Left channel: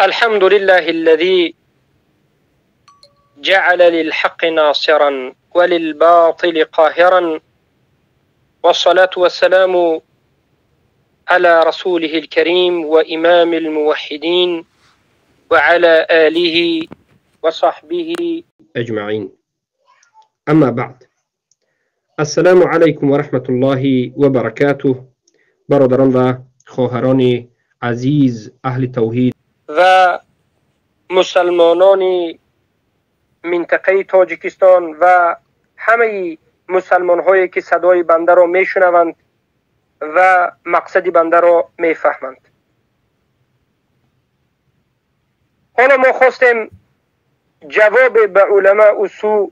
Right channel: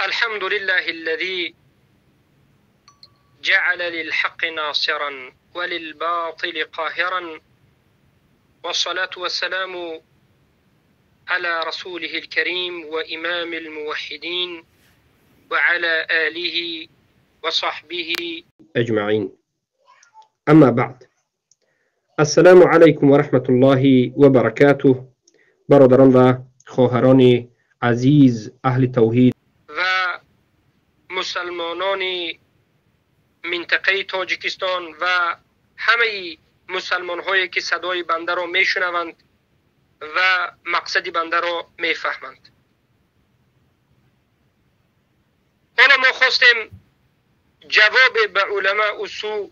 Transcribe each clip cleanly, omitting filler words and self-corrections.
الحمد لله الذي جعل للحق ناصرا وللباطل قاهرا، والصلاة والسلام على رسوله الكريم وإمام الموحدين وعلى آله وصحبه أجمعين. أما بعد، السلام عليكم ورحمة الله وبركاته. برادران و خواهران عزیز اهل توحید و مسلمانان منطقه تاجیکستان و همه مسلمان هایی که صدای بنده را میشنوند و مقصد بنده را میفهمند. حالا ما خواستیم جواب به علماء سو،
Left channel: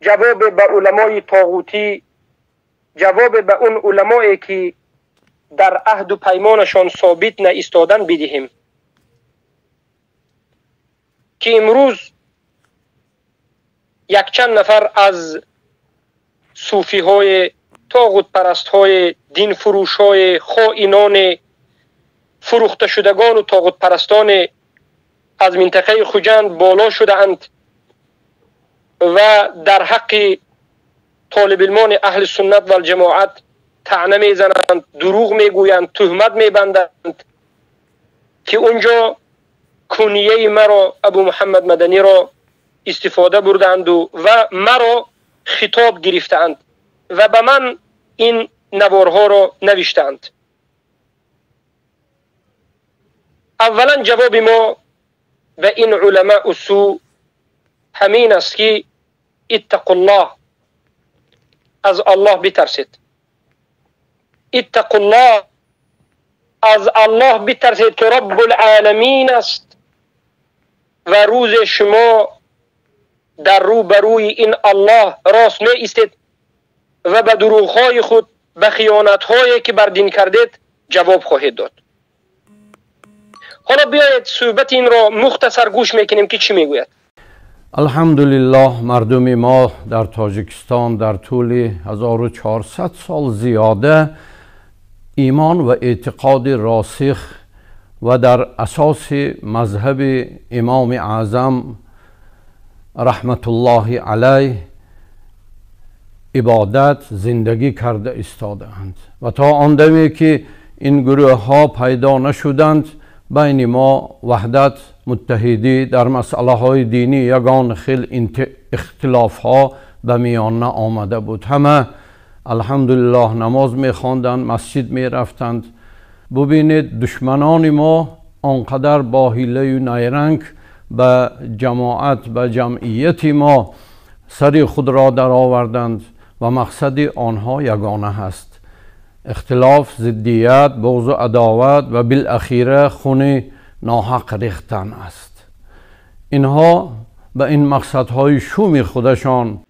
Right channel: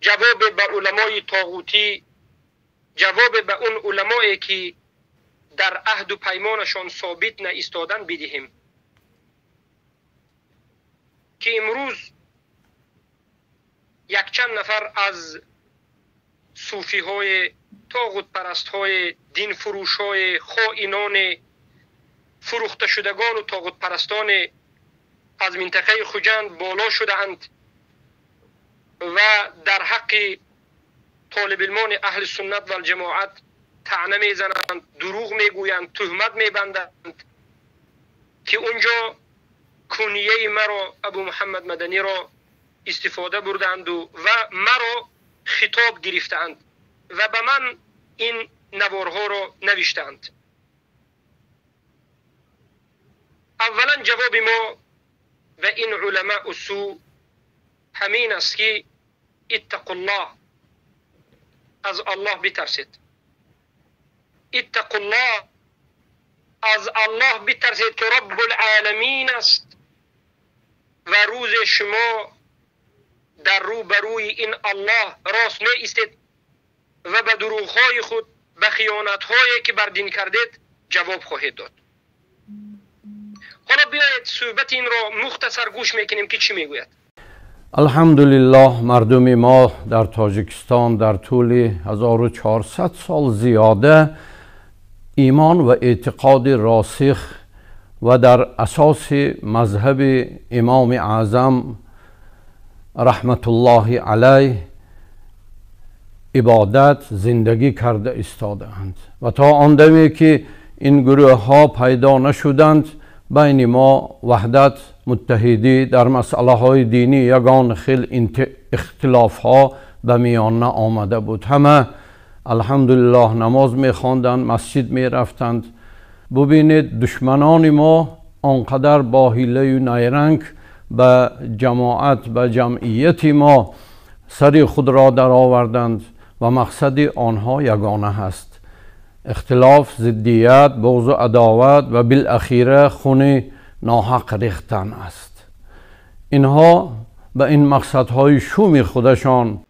جواب به علمای طاغوتی، جواب به اون علمایی که در عهد و پیمانشان ثابت نایستادن بدهیم که امروز یک چند نفر از صوفی های طاغوت پرست های دین فروش های خائنان فروخته شدگان و طاغوت پرستان از منطقه خوجند بالا شده اند و در حق طالب علمان اهل سنت و الجماعت طعنه میزنند، دروغ میگویند، تهمت میبندند که اونجا کنیه مرا ابو محمد مدنی را استفاده بردند و مرا خطاب گرفتند و به من این نوارها را نوشتند. اولا جواب ما به این علماء سو همین است که اتقوا الله، از الله بترسید. اتقوا الله، از الله بترسید که رب العالمین است و روز شما در روبروی این الله راست می ایستید و به دروغ‌های خود، به خیانت‌هایی که بر دین کردید جواب خواهید داد. حالا بیایید صحبت این را مختصر گوش میکنیم که چی میگوید. الحمدلله مردم ما در تاجیکستان در طول 1400 سال زیاده ایمان و اعتقاد راسخ و در اساس مذهب امام اعظم رحمت الله علیه عبادت زندگی کرده ایستادند و تا آن دمی که این گروه ها پیدا نشدند بین ما وحدت متحدی در مسئله های دینی یگان خیل اختلاف ها به میان آمده بود. همه الحمدلله نماز می خواندند، مسجد می رفتند. ببینید دشمنان ما آنقدر با حیله و نیرنگ به جماعت، به جمعیت ما سر خود را در آوردند و مقصد آنها یگانه هست: اختلاف، ضدیت، بغض و عداوت و بالاخره خون ناحق ریختن است. اینها به این مقصدهای شوم خودشان.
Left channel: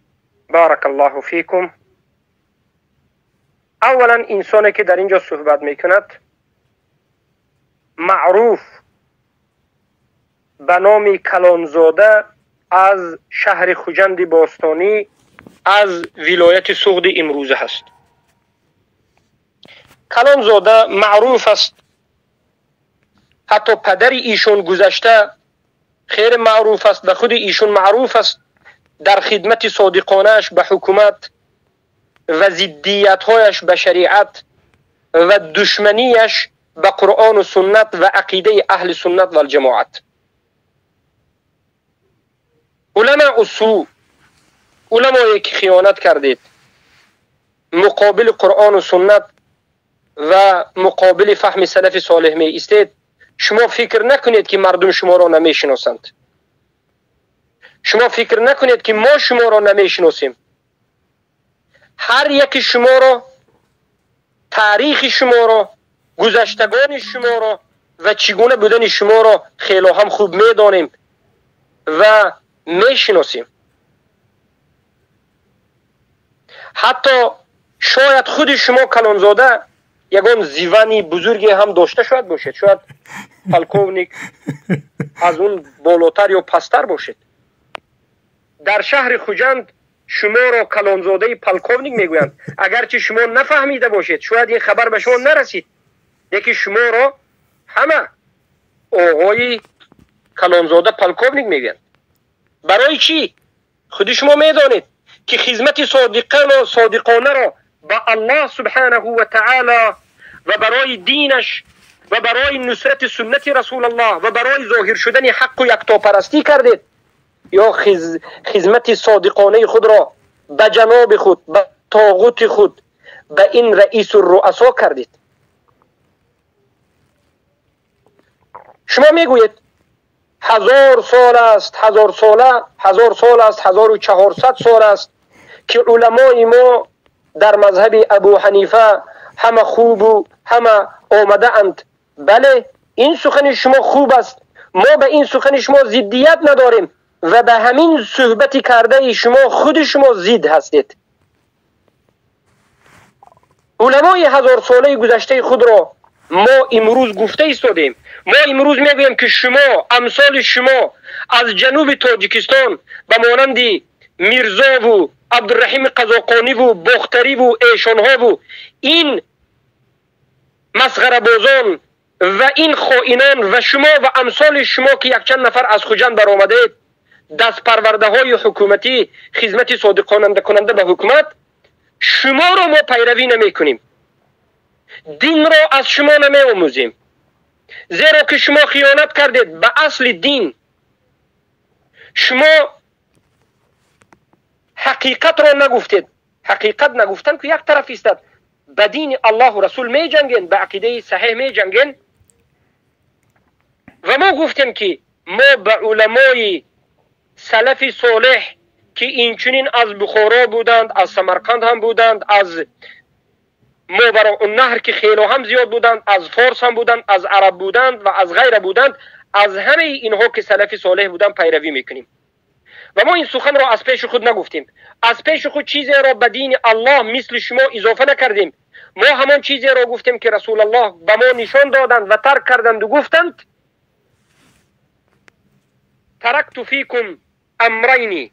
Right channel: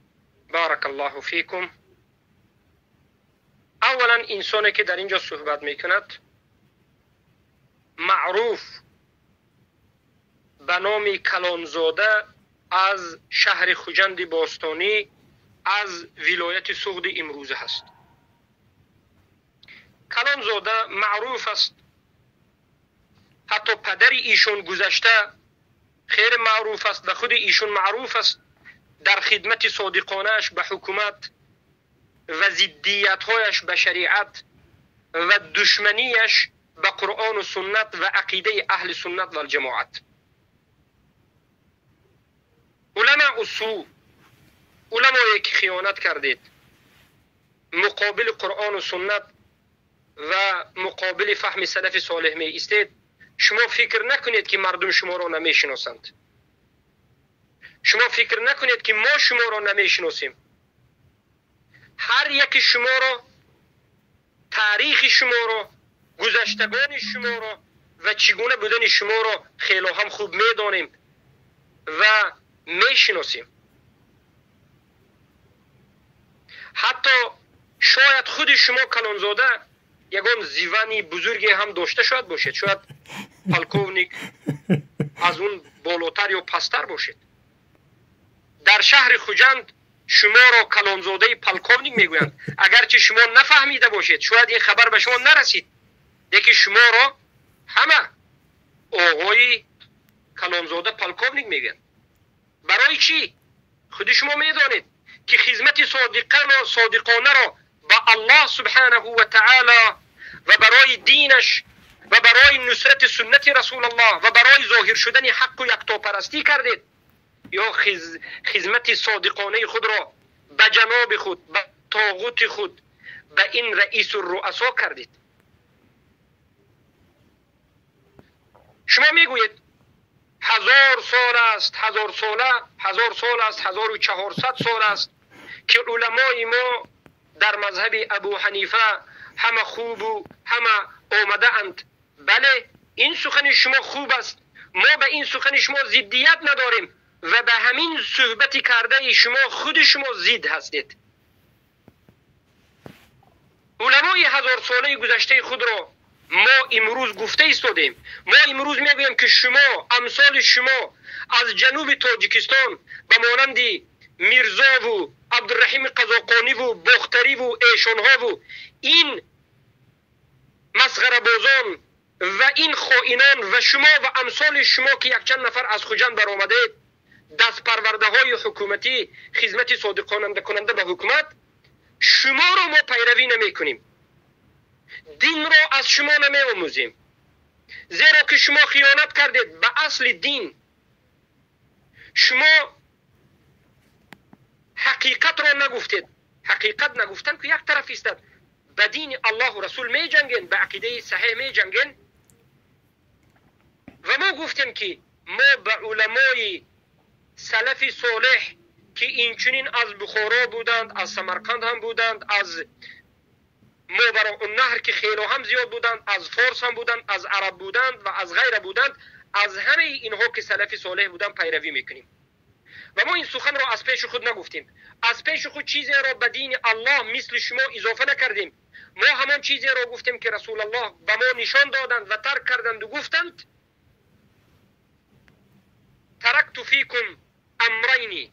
بارک الله فیکم. اولا انسانی که در اینجا صحبت میکند معروف به نام کلانزاده از شهر خوجند باستانی از ولایت سغد امروزه هست. کلانزاده معروف است، حتی پدر ایشون گذشته خیر معروف است و خود ایشون معروف است در خدمت صادقانهش به حکومت و ضدیت‌هایش به شریعت و دشمنیش به قرآن و سنت و عقیده اهل سنت و الجماعت. علماء سو، علمایی که خیانت کردید، مقابل قرآن و سنت و مقابل فهم سلف صالح می ایستید، شما فکر نکنید که مردم شما را نمیشناسند. شما فکر نکنید که ما شما را نمیشناسیم. هر یک شما را، تاریخ شما را، گذشتگان شما را و چگونه بودن شما را خیلی هم خوب میدانیم و میشناسیم. حتی شاید خود شما کلانزاده یگان زیوانی بزرگی هم داشته شاید باشید، شاید پلکونیک از اون بالاتر یا پستر باشید. در شهر خوجند شما را کلانزاده پلکونیک میگویند، اگرچه شما نفهمیده باشید، شاید این خبر به شما نرسید، لیکن شما را همه آقای کلانزاده پلکوونیک میگن. برای چی؟ خود شما میدانید که خدمت صادقانه را به الله سبحانه و تعالی و برای دینش و برای نصرت سنت رسول الله و برای ظاهر شدن حق و یکتاپرستی کردید، یا خدمت صادقانه خود را به جناب خود، به طاغوت خود، به این رئیس الرؤسا کردید؟ شما میگویید 1000 سال است، 1000 سال است، 1400 سال است که علمای ما در مذهب ابو حنیفه همه خوب و همه آمده اند. بله، این سخن شما خوب است، ما به این سخن شما ضدیت نداریم و به همین صحبت کرده شما خود شما ضد هستید. علمای 1000 ساله گذشته خود را ما امروز گفته ایستادیم. ما امروز میگوییم که شما، امثال شما از جنوب تاجیکستان به مانند میرزا و عبدالرحیم قزاقانی و بختری و ایشانها و این مسخره بازان و این خائنان و شما و امثال شما که یک چند نفر از خوجند برآمده دست پرورده های حکومتی خدمت صادقانه کننده به حکومت، شما را ما پیروی نمی کنیم، دین را از شما نمی آموزیم، زیرا که شما خیانت کردید به اصل دین. شما حقیقت را نگفتید. حقیقت نگفتن که یک طرف است. به دین الله و رسول می جنگین، به عقیده صحیح می جنگین. و ما گفتیم که ما به علمای سلف صالح که اینچنین از بخارا بودند، از سمرقند هم بودند، از ماوراء النهر که خیلی هم زیاد بودند، از فارس هم بودند، از عرب بودند و از غیره بودند، از همه اینها که سلف صالح بودند پیروی میکنیم. و ما این سخن را از پیش خود نگفتیم، از پیش خود چیزی را به دین الله مثل شما اضافه نکردیم. ما همان چیزی را گفتیم که رسول الله به ما نشان دادند و ترک کردند و گفتند ترکت فیکم امرین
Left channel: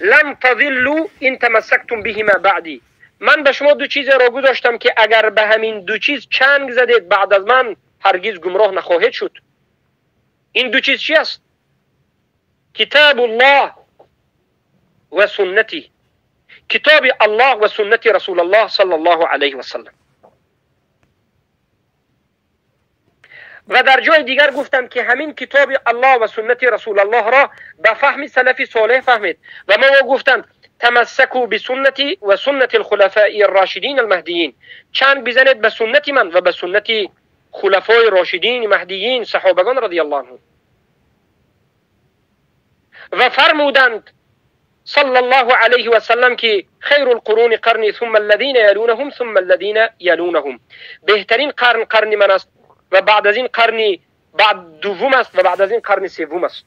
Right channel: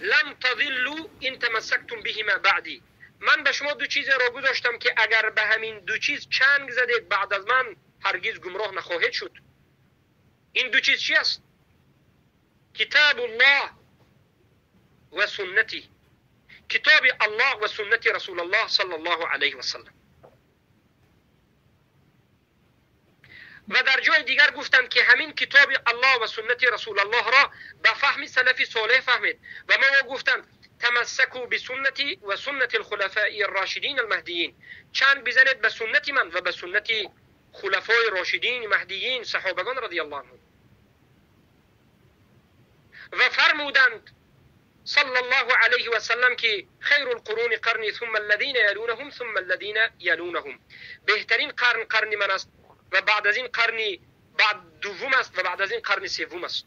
لن تضلوا ان تمسکتم بهما بعدی. من به شما دو چیز را گذاشتم که اگر به همین دو چیز چنگ زدید بعد از من هرگز گمراه نخواهید شد. این دو چیز چی است؟ کتاب الله و سنتی، کتاب الله و سنت رسول الله صلی الله علیه و سلم. و در جای دیگر گفتم که همین کتاب الله و سنت رسول الله را به فهم سلف صالح فهمید و ما گفتم تمسکوا بسنتی و سنت الخلفاء الراشدین المهدیین، چنگ بزنید به سنت من و به سنت خلفای راشدین مهدیین صحابگان رضی الله عنهم. و فرمودند صلی الله علیه و سلم که خیر القرون قرنی ثم الذین یلونهم ثم الذین یلونهم، بهترین قرن من است و بعد از این قرنی بعد دوم است و بعد از این قرن سوم است.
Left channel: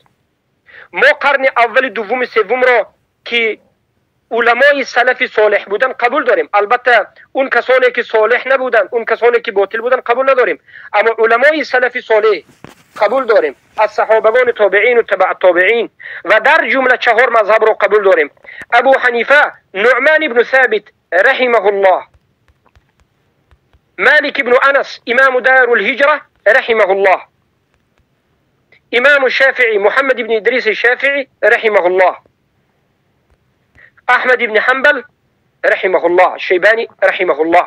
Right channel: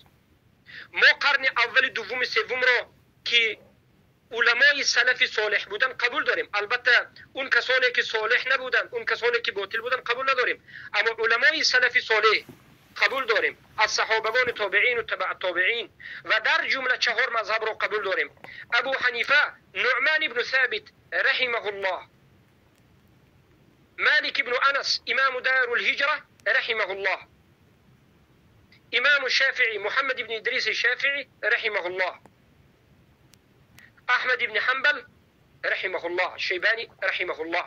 ما قرن اول دوم سوم را که علمای سلف صالح بودن قبول داریم، البته اون کسانی که صالح نبودن، اون کسانی که باطل بودن قبول نداریم، اما علمای سلف صالح قبول داریم، از صحابگان تابعین و تبع تابعین و در جمله 4 مذهب را قبول داریم. ابو حنیفه، نعمان بن ثابت رحمه الله، مالک بن انس امام دار الهجره رحمه الله، امام الشافعي محمد بن ادریس الشافعي رحمه الله، احمد بن حنبل رحمه الله، شیبانی رحمه الله.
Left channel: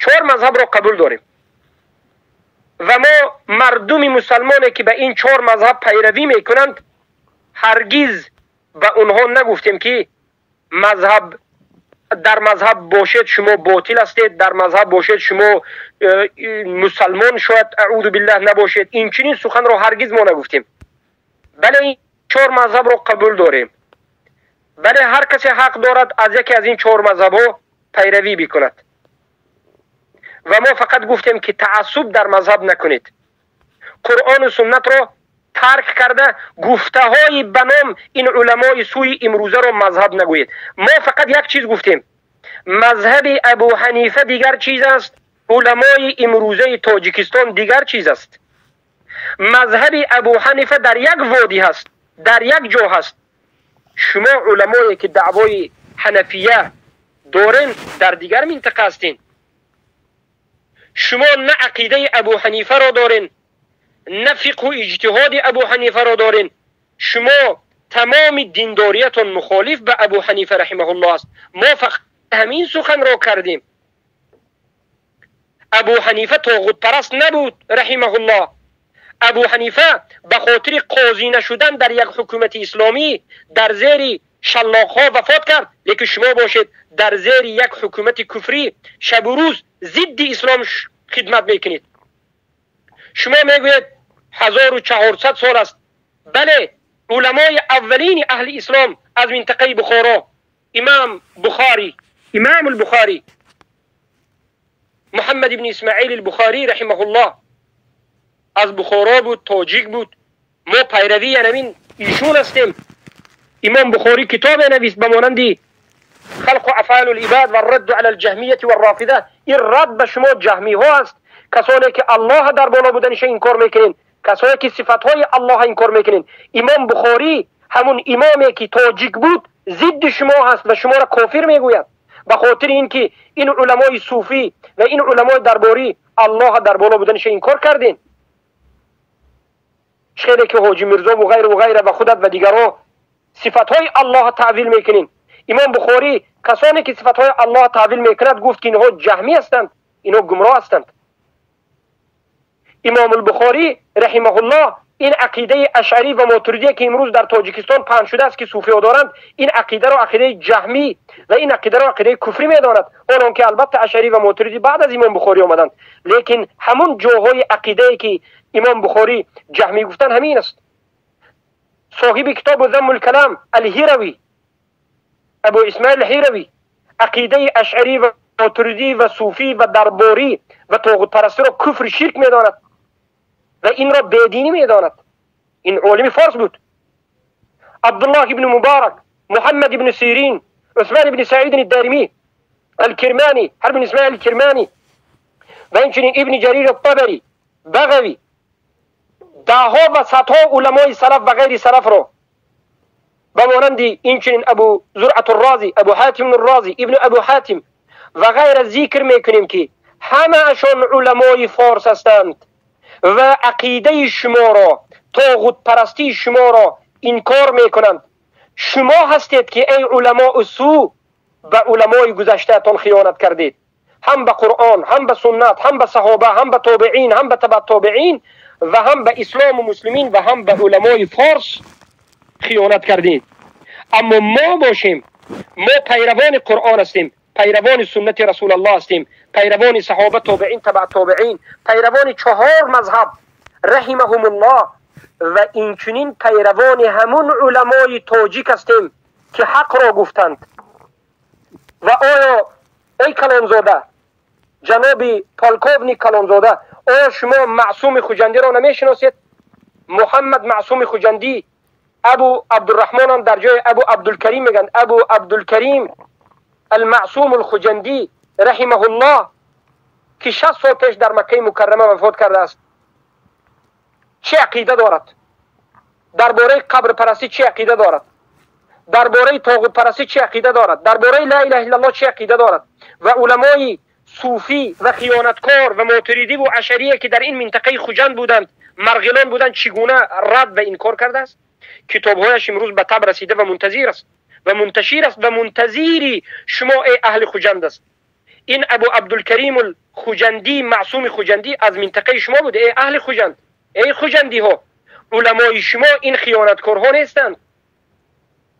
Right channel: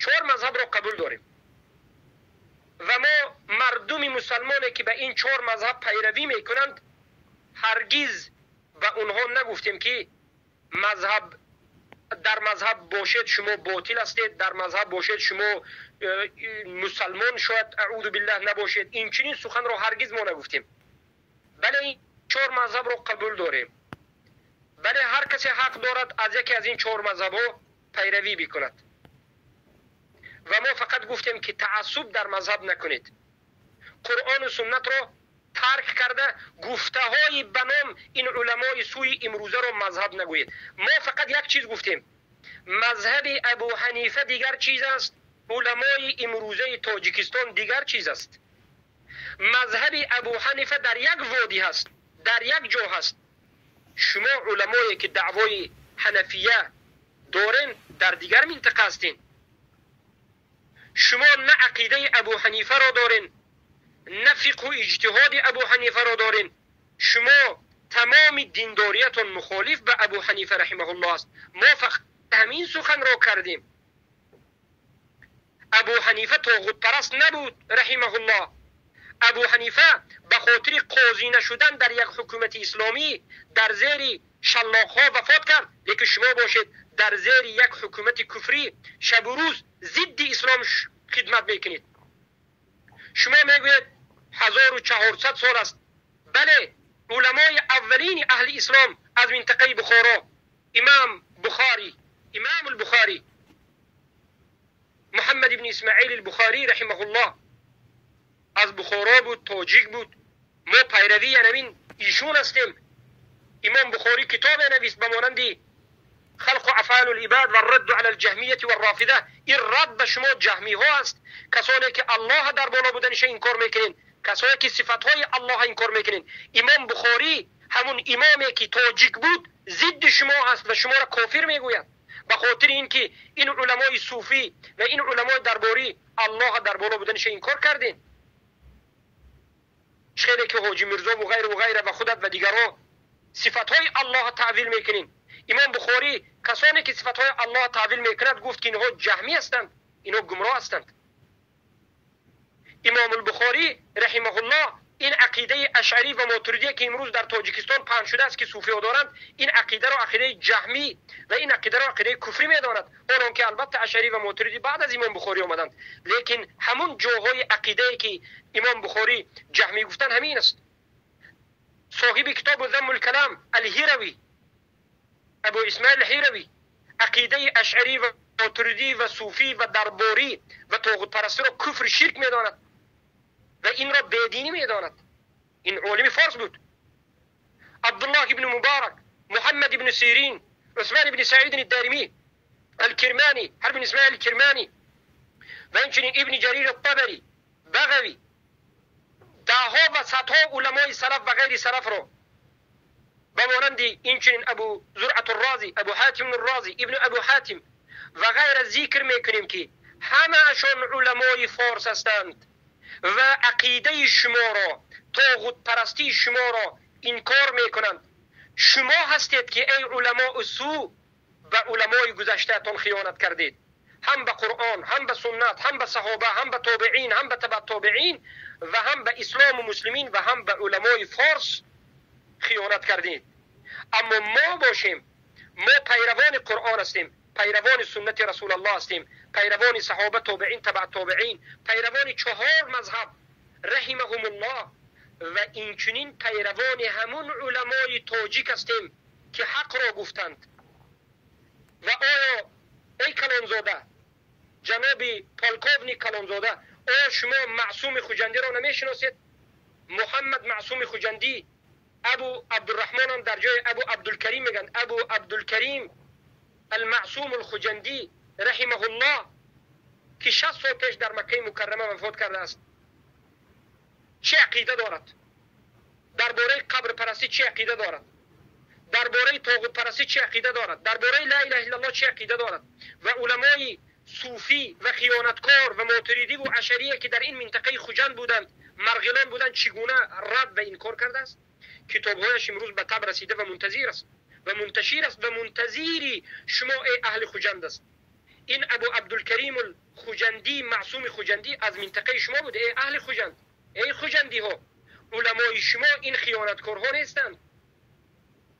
4 مذهب را قبول داریم و ما مردم مسلمانی که به این 4 مذهب پیروی میکنند هرگز به اونها نگفتیم که مذهب در مذهب باشید شما باطل هستید، در مذهب باشید شما مسلمان شاید اعوذ بالله نباشید. این چنین سخن را هرگز ما نگفتیم. بله این 4 مذهب را قبول داریم. بله هر کسی حق دارد از یکی از این 4 مذهب ها پیروی بکند و ما فقط گفتیم که تعصب در مذهب نکنید. قرآن و سنت را ترک کرده گفته های بنام این علمای سوی امروزه را مذهب نگوید. ما فقط یک چیز گفتیم، مذهب ابو حنیفه دیگر چیز است، علمای امروزه تاجیکستان دیگر چیز است. مذهب ابو حنیفه در یک وادی هست، در یک جا هست. شما علمایی که دعوای حنفیه دارین در دیگر منطقه هستین. شما نه عقیده ابو حنیفه را دارین، نه فقه و اجتهاد ابو حنیفه را دارین. شما تمام دینداریتون مخالف به ابو حنیفه رحمه الله است. ما فقط همین سخن را کردیم. ابو حنیفه طاغوت پرست نبود رحمه الله. ابو حنیفه به خاطر قاضی نشدن در یک حکومت اسلامی در زیر شلاق‌ها وفات کرد. لیکن شما باشید در زیر یک حکومت کفری شب و روز ضد اسلام خدمت میکنید. شما میگوید 1400 سال است. بله، علمای اولین اهل اسلام از منطقه بخارا، امام البخاری محمد بن اسماعیل البخاری رحمه الله از بخارا بود، تاجیک بود. ما پیروی همین ایشون هستیم. امام بخاری کتاب نویس به مانند خلق افعال العباد و الرد علی الجهمیه و الرافضه. این رد به شما جهمی ها است، کسانی که الله در بالا بودنش انکار میکنین، کسانی که صفات های الله انکار میکنین. امام بخاری همون امامی که تاجیک بود ضد شما هست و شما را کافر میگوید، به خاطر اینکه این علمای صوفی و این علمای درباری الله در بالا بودنش انکار کردین. خیلی که حاجی میرزا و غیره و خودت و دیگران صفات های الله تعویل میکنین. امام بخاری کسانی که صفات های الله تعویل میکند گفت که اینها جهمی هستند، اینها گمراه هستند. امام البخاری رحمه الله این عقیده اشعری و ماتریدی که امروز در تاجیکستان پهن شده است که صوفی ها دارند، این عقیده را عقیده جهمی و این عقیده را عقیده کفری میداند. آنان که البته اشعری و ماتریدی بعد از امام بخاری آمدند، لیکن همون جاهای عقیده که امام بخاری جهمی گفتن همین است. صاحب کتاب ذم الکلام الهیروی، ابو اسماعیل الهیروی، عقیده اشعری و ماتریدی و صوفی و درباری و طاغوت پرستی را کفر شرک میداند و این را بدینی میداند. این عالم فارس بود. عبدالله ابن مبارک، محمد ابن سیرین، عثمان ابن سعید الدارمی، الکرمانی، حرب اسماعیل الکرمانی و همچنین ابن جریر الطبری، بغوی، دهها و صدها علمای سلف و غیر سلف را به مانند اینچنین ابو زرعة الرازی، ابو حاتم الرازی، ابن ابو حاتم و غیر ذکر میکنیم که همه اشان علمای فارس هستند و عقیده شما را، طاغوت پرستی شما را انکار میکنند. شما هستید که ای علماء سو به علمای گذشته تان خیانت کردید، هم به قرآن، هم به سنت، هم به صحابه، هم به تابعین، هم به تبع تابعین و هم به اسلام و مسلمین و هم به علمای فارس خیانت کردید. اما ما باشیم، ما پیروان قرآن هستیم، پیروان سنت رسول الله هستیم، پیروان صحابه، تابعین، تبع تابعین، پیروان 4 مذهب رحمهم الله و اینچنین پیروان همون علمای تاجیک هستیم که حق را گفتند. و آیا ای کلانزاده، جناب پالکوونی کلانزاده، آیا شما معصوم خوجندی را نمیشناسید؟ محمد معصوم خوجندی، ابو عبدالرحمن هم در جای ابو عبدالکریم میگن، ابو عبدالکریم المعصوم الخوجندی رحمه الله که 60 سال پیش در مکه مکرمه وفات کرده است. چه عقیده دارد؟ درباره قبر پرستی چه عقیده دارد؟ درباره طاغوت پرستی چه عقیده دارد؟ درباره لا اله الا الله چه عقیده دارد؟ و علمای صوفی و خیانتکار و معتریدی و اشعریه که در این منطقه خوجند بودند، مرغلان بودند، چگونه رد و انکار کرده است؟ کتابهایش امروز به طبع رسیده و منتظر است و منتشر است و منتظری شما ای اهل خوجند است. این ابو عبدالکریم الخوجندی، معصوم خوجندی از منطقه شما بوده. ای اهل خوجند، ای خوجندی ها، علمای شما این خیانتکارها نیستند،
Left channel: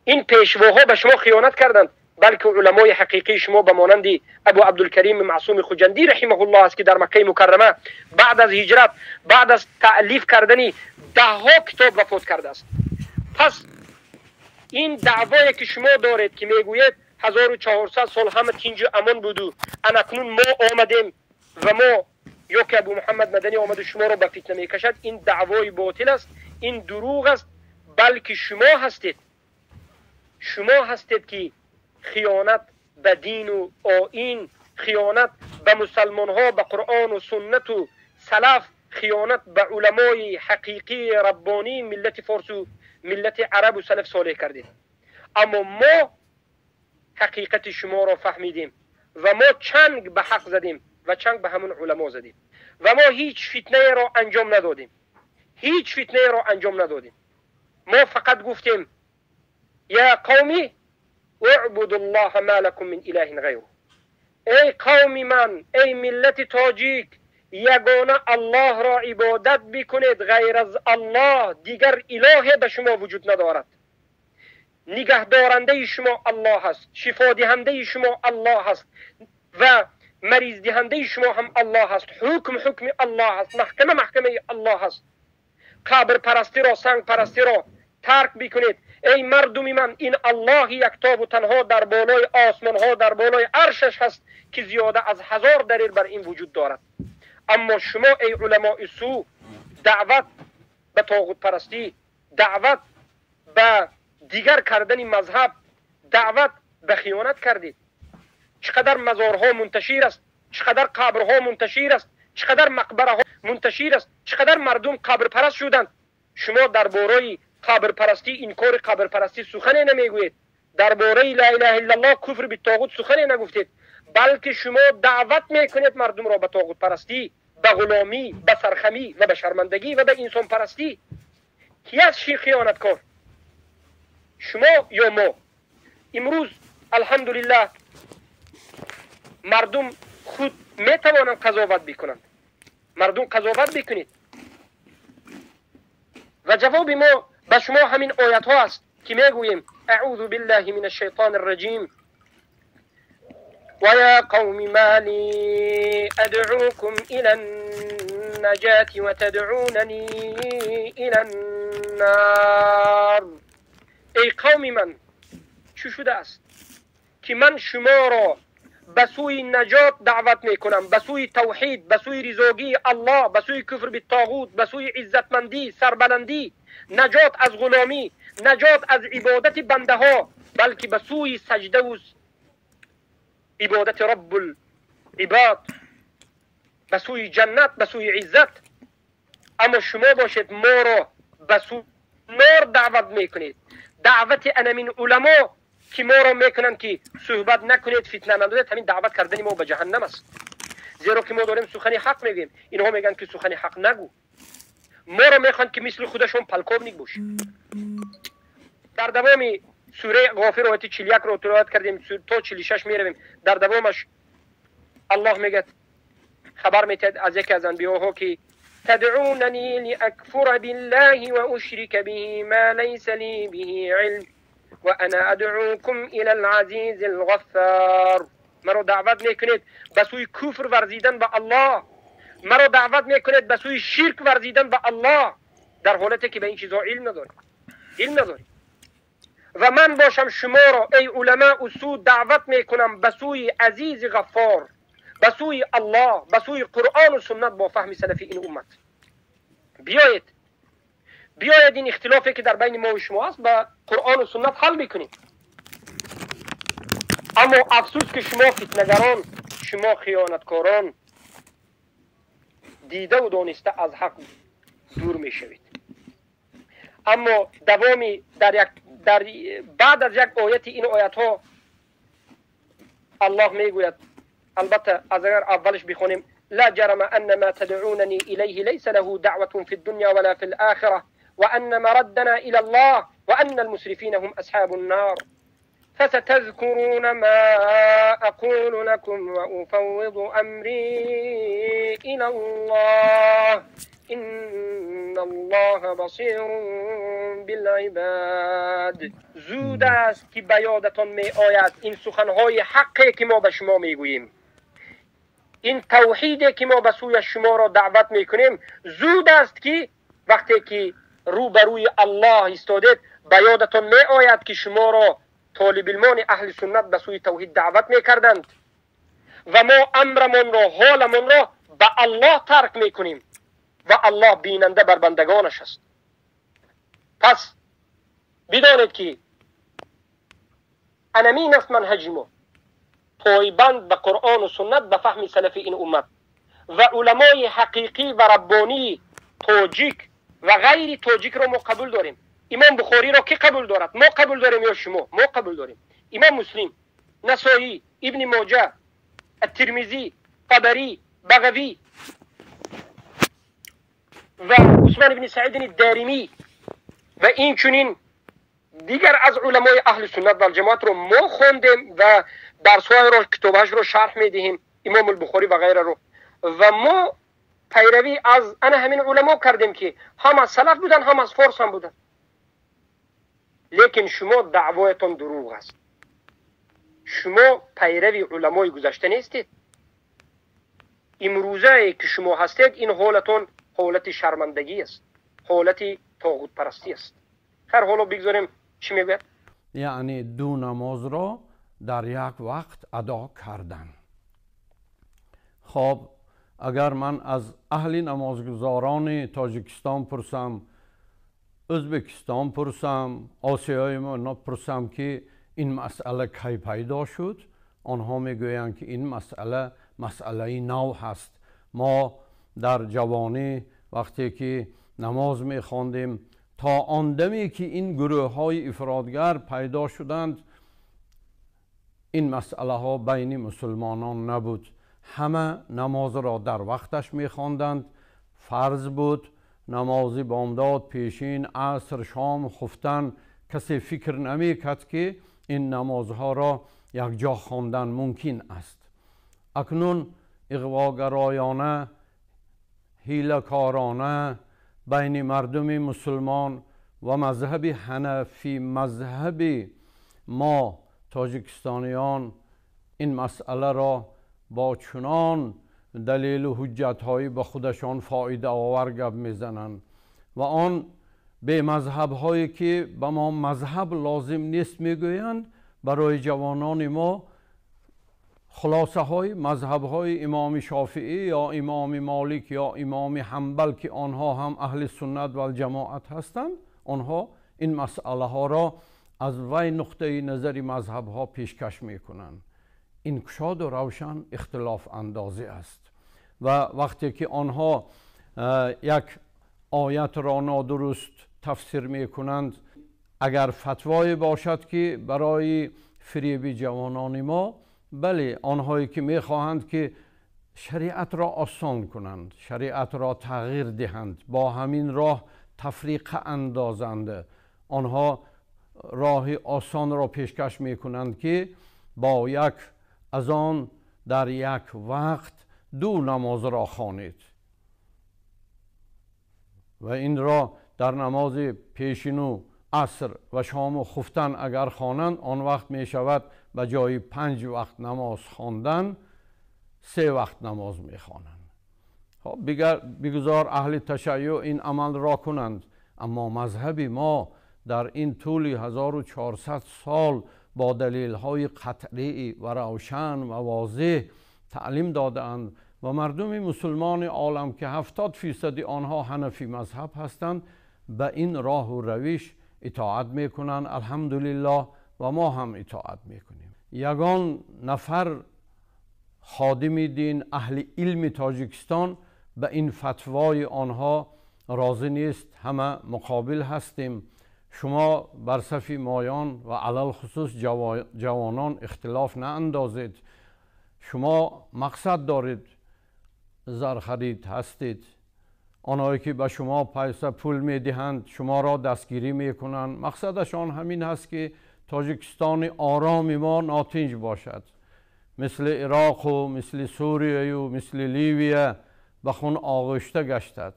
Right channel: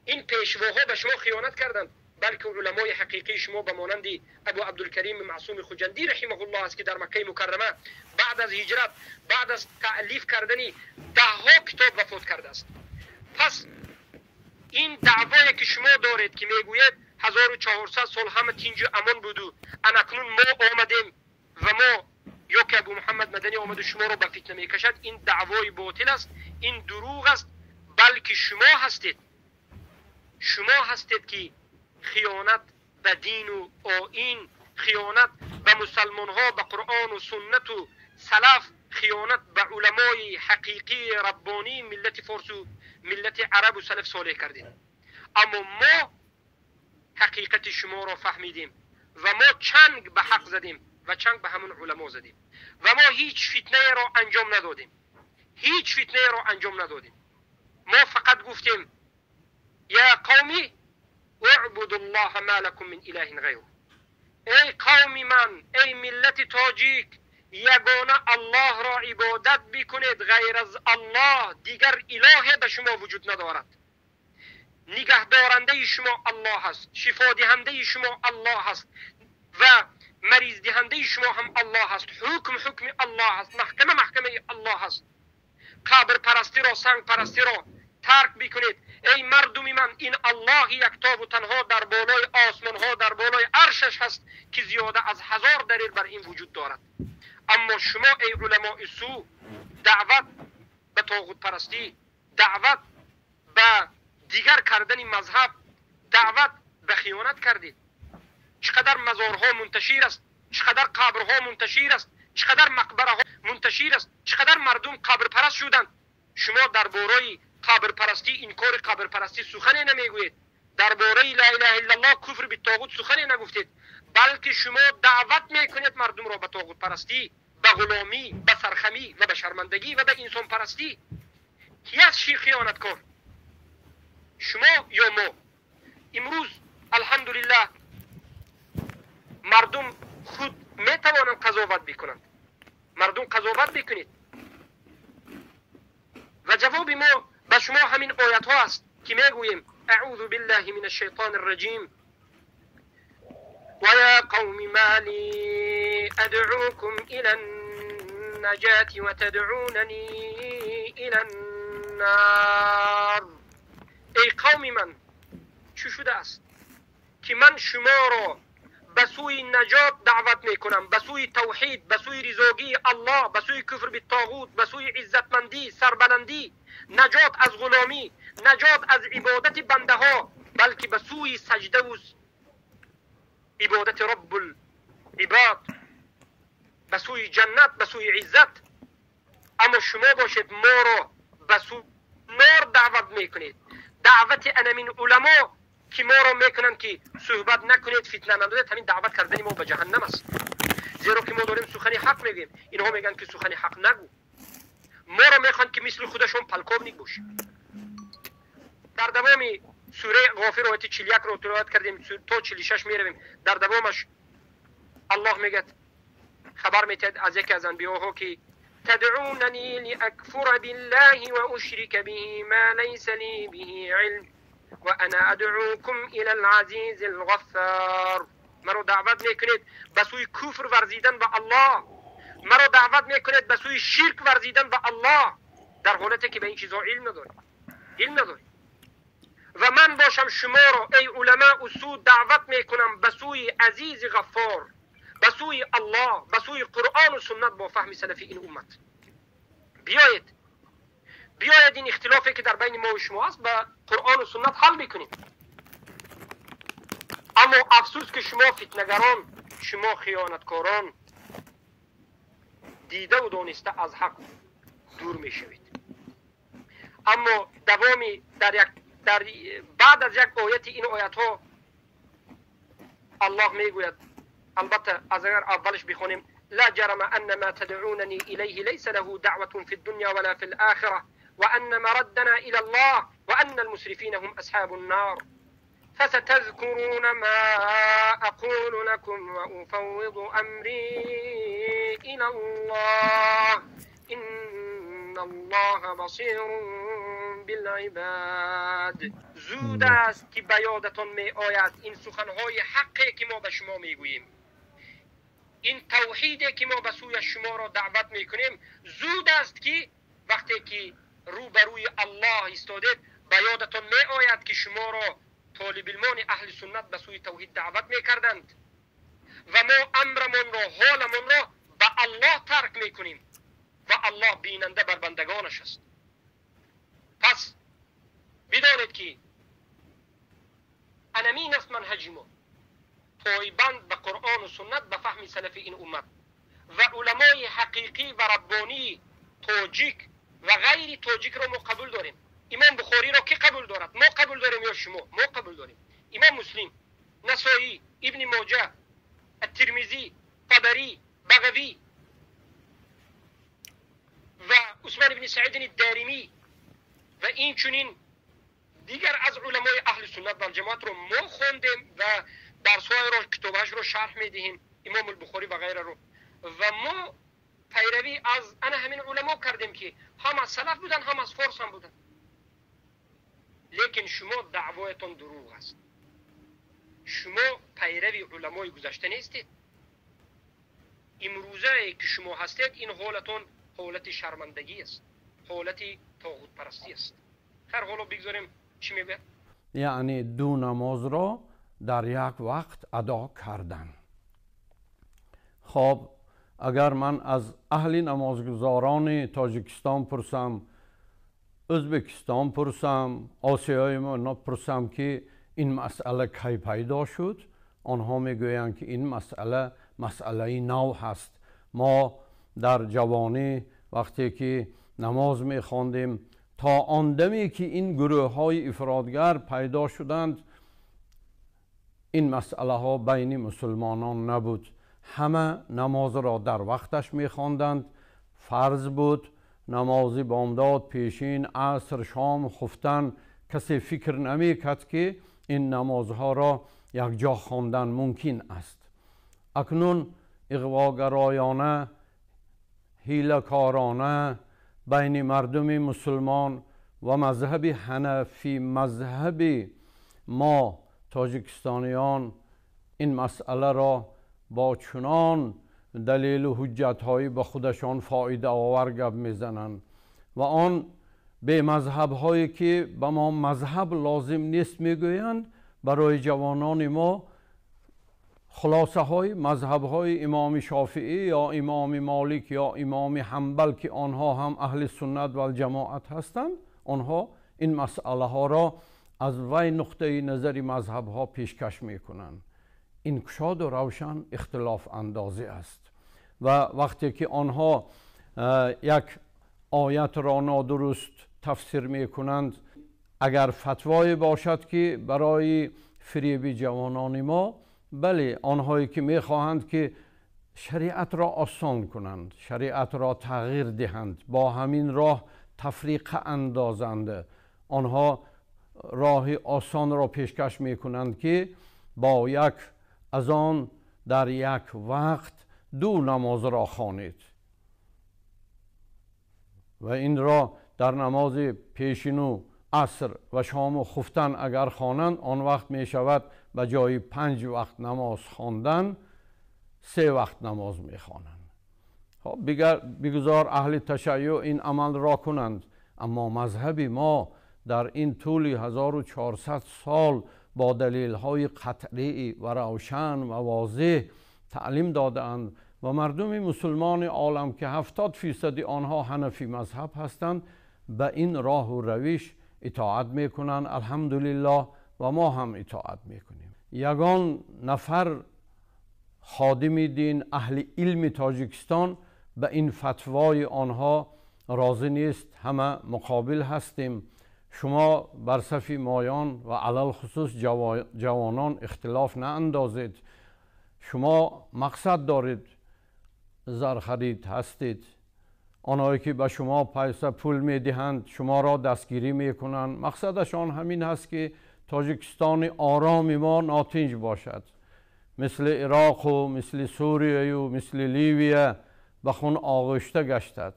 این پیشواها به شما خیانت کردند، بلکه علمای حقیقی شما به مانند ابو عبدالکریم معصوم خوجندی رحمه الله است که در مکه مکرمه بعد از هجرت، بعد از تألیف کردن 10 کتاب وفات کرده است. پس این دعوایی که شما دارید که میگوید 1400 سال همه تینج امان بودو، انکنون ما آمدیم و ما یا که ابو محمد مدنی آمد و شما را به فتنه میکشد، این دعوای باطل است، این دروغ است. بلکه شما هستید که خیانت به دین و آیین، خیانت به مسلمان ها، به قرآن و سنت و سلف، خیانت به علمای حقیقی ربانی ملت فارس و ملت عرب و سلف صالح کردید. اما ما حقیقت شما را فهمیدیم و ما چنگ به حق زدیم و چنگ به همون علما زدیم و ما هیچ فتنه را انجام ندادیم، هیچ فتنه را انجام ندادیم. ما فقط گفتیم یا قومی اعبدوا الله ما لكم من اله غیره. ای قوم من، ای ملت تاجیک، یگانه الله را عبادت بکنید، غیر از الله دیگر اله به شما وجود ندارد. نگهدارنده شما الله هست، شفا دهنده شما الله هست و مریض دهنده شما هم الله هست. حکم الله هست، محکمه الله هست. قبر پرستی را، سنگ پرستی را ترک بکنید. ای مردم من، این الله یکتا و تنها در بالای آسمان ها، در بالای عرشش هست که زیاده از 1000 دلیل بر این وجود دارد. اما شما ای علماء سو، دعوت به طاغوت پرستی، دعوت به دیگر کردن مذهب، دعوت به خیانت کردید. چقدر مزارها منتشر است، چقدر قبرها منتشر است، چقدر مقبره ها منتشر است، چقدر مردم قبر پرست شدند. شما درباره قبر پرستی، انکار قبر پرستی سخنی نمیگویید. درباره لا اله الا الله، کفر به طاغوت سخنی نگفتید، بلکه شما دعوت میکنید مردم را به طاغوت پرستی، به غلامی، به سرخمی و به شرمندگی و به انسان پرستی. کی است خیانتکار؟ شما یا ما؟ امروز الحمدلله مردم خود میتوانند قضاوت بکنند. مردم قضاوت بکنید. و جواب ما به شما همین آیت ها است که میگوییم اعوذ بالله من الشیطان الرجیم و یا قوم ما لی ادعوکم الى النجاة و تدعوننی الى النار. ای قوم من، چی شده است که من شما را به سوی نجات دعوت میکنم، به سوی توحید، به سوی رضاگی الله، به سوی کفر بالطاغوت، به سوی عزتمندی، سربلندی، نجات از غلامی، نجات از عبادت بنده ها، بلکه به سوی سجده و عبادت رب العباد، به سوی جنت، به سوی عزت. اما شما باشید ما را به سوی نار دعوت میکنید. دعوت انمین علما که ما را میکنن که صحبت نکنید، فتنه ندارید، همین دعوت کردن ما به جهنم است. زیرا که ما داریم سخن حق میگیم، اینها میگن که سخن حق نگو. ما را میخوان که مثل خودشون پلکاونیک باشیم. در دوام سوره غافر آیت 41 رو تلاوت کردیم تا 46 میرویم. در دوامش الله میگه، خبر میتید از یکی از انبیاها که تدعوننی لاکفر بالله و اشرک به ما لیس لی به علم و انا ادعوکم الى العزیز الغفار. مرا دعوت میکنید به سوی کفر ورزیدن به الله، مرا دعوت میکنید به سوی شرک ورزیدن به الله، در حالتی که به این چیزها علم نداری. و من باشم شما را ای علماء اصول دعوت میکنم به سوی عزیز غفار، به سوی الله، به سوی قرآن و سنت با فهم سلفی این امت. بیایید این اختلافی که در بین ما و شما است با قرآن و سنت حل بکنیم. اما افسوس که شما فتنگران، شما خیانتکاران دیده و دانسته از حق دور می شوید. اما دوامی در بعد از یک آیت این آیت ها الله می گوید، البته از اگر اولش بخونیم لا جرم ان ما تدعونني الیه لیس له دعوة فی الدنیا ولا فی الاخره وأن مردنا إلى الله وأن المسرفين هم أصحاب النار فستذكرون ما أقول لكم وأفوض أمري إلى الله إن الله بصير بالعباد. زود است که به یادتان می آید این سخنهای حقی که ما به شما می گوییم، این توحیدی که ما به سوی شما را دعوت می کنیم. زود است که وقتی که روبروی الله استادید به یادتان می آید که شما را طالب علمان اهل سنت به سوی توحید دعوت می کردند و ما امرمان را، حالمان را به الله ترک می کنیم و الله بیننده بر بندگانش است. پس بدانید که انمین است منهج ما، پایبند به قرآن و سنت به فهم سلف این امت و علمای حقیقی و ربانی تاجیک و غیر تاجیک را ما قبول داریم. امام بخاری را کی قبول دارد؟ ما قبول داریم یا شما؟ ما قبول داریم. امام مسلم، نسائی، ابن ماجه، الترمذی، طبری، بغوی و عثمان بن سعید الدارمی و این چنین دیگر از علمای اهل سنت و الجماعت رو ما خوندیم و درس‌های رو کتابش رو شرح میدهیم، امام البخاری و غیره رو، و ما پیروی از همین علما کردیم که هم از سلف بودن هم از فارس هم بودن. لیکن شما دعوایتون دروغ است. شما پیروی علمای گذشته نیستید. امروزه که شما هستید این حالتون حالت شرمندگی است، حالت طاغوت پرستی است. خیر حالا بگذاریم چی میگه؟ یعنی دو نماز را در یک وقت ادا کردن. خب اگر من از اهل نمازگزاران تاجیکستان پرسم، ازبکستان پرسم، آسیای ما پرسم که این مسئله کی پیدا شد، آنها میگویند که این مسئله نو هست. ما در جوانی وقتی که نماز میخواندیم تا آن دمی که این گروه های افرادگر پیدا شدند این مسئله ها بین مسلمانان نبود. همه نماز را در وقتش میخواندند، فرض بود. نماز بامداد، پیشین، عصر، شام، خفتن، کسی فکر نمیکرد که این نمازها را یک جا خواندن ممکن است. اکنون اغواگرایانه، حیله‌کارانه بین مردم مسلمان و مذهب حنفی، مذهب ما تاجیکستانیان، این مسئله را با چنان دلیل و حجت‌هایی به خودشان فایده آور گپ میزنند و آن به مذهب‌هایی که به ما مذهب لازم نیست میگویند برای جوانان ما خلاصه های مذهب های امام شافعی یا امام مالک یا امام حنبل که آنها هم اهل سنت و الجماعت هستند، آنها این مسئله ها را از وی نقطه نظر مذهب ها پیشکش میکنند. این گشاد و روشن اختلاف اندازی است و وقتی که آنها یک آیت را نادرست تفسیر میکنند، اگر فتوایی باشد که برای فریب جوانان ما، بله آنهایی که میخواهند که شریعت را آسان کنند، شریعت را تغییر دهند، با همین راه تفریق اندازند، آنها راه آسان را پیشکش میکنند که با یک اذان در یک وقت دو نماز را خوانید و این را در نماز پیشین و عصر و شام و خفتن اگر خوانند، آن وقت می شود به جای 5 وقت نماز خواندن 3 وقت نماز می خوانند. خب بگذار اهل تشیع این عمل را کنند، اما مذهب ما در این طول 1400 سال با دلیل های قطعی و روشن و واضح تعلیم دادند و مردم مسلمان عالم که 70% آنها حنفی مذهب هستند به این راه و روش اطاعت میکنند. الحمدلله و ما هم اطاعت میکنیم. یگان نفر خادم دین اهل علم تاجیکستان به این فتوای آنها راضی نیست. همه مقابل هستیم. شما بر صف مایان و علل خصوص جوانان اختلاف نه اندازید. شما مقصد دارید، زر خرید هستید، آنهایی که به شما پیسه پول میدهند شما را دستگیری میکنند، مقصدشان همین هست که تاجیکستان آرام ما ناتنج باشد، مثل عراق و مثل سوریه و مثل لیبیه به خون آغشته گشتد.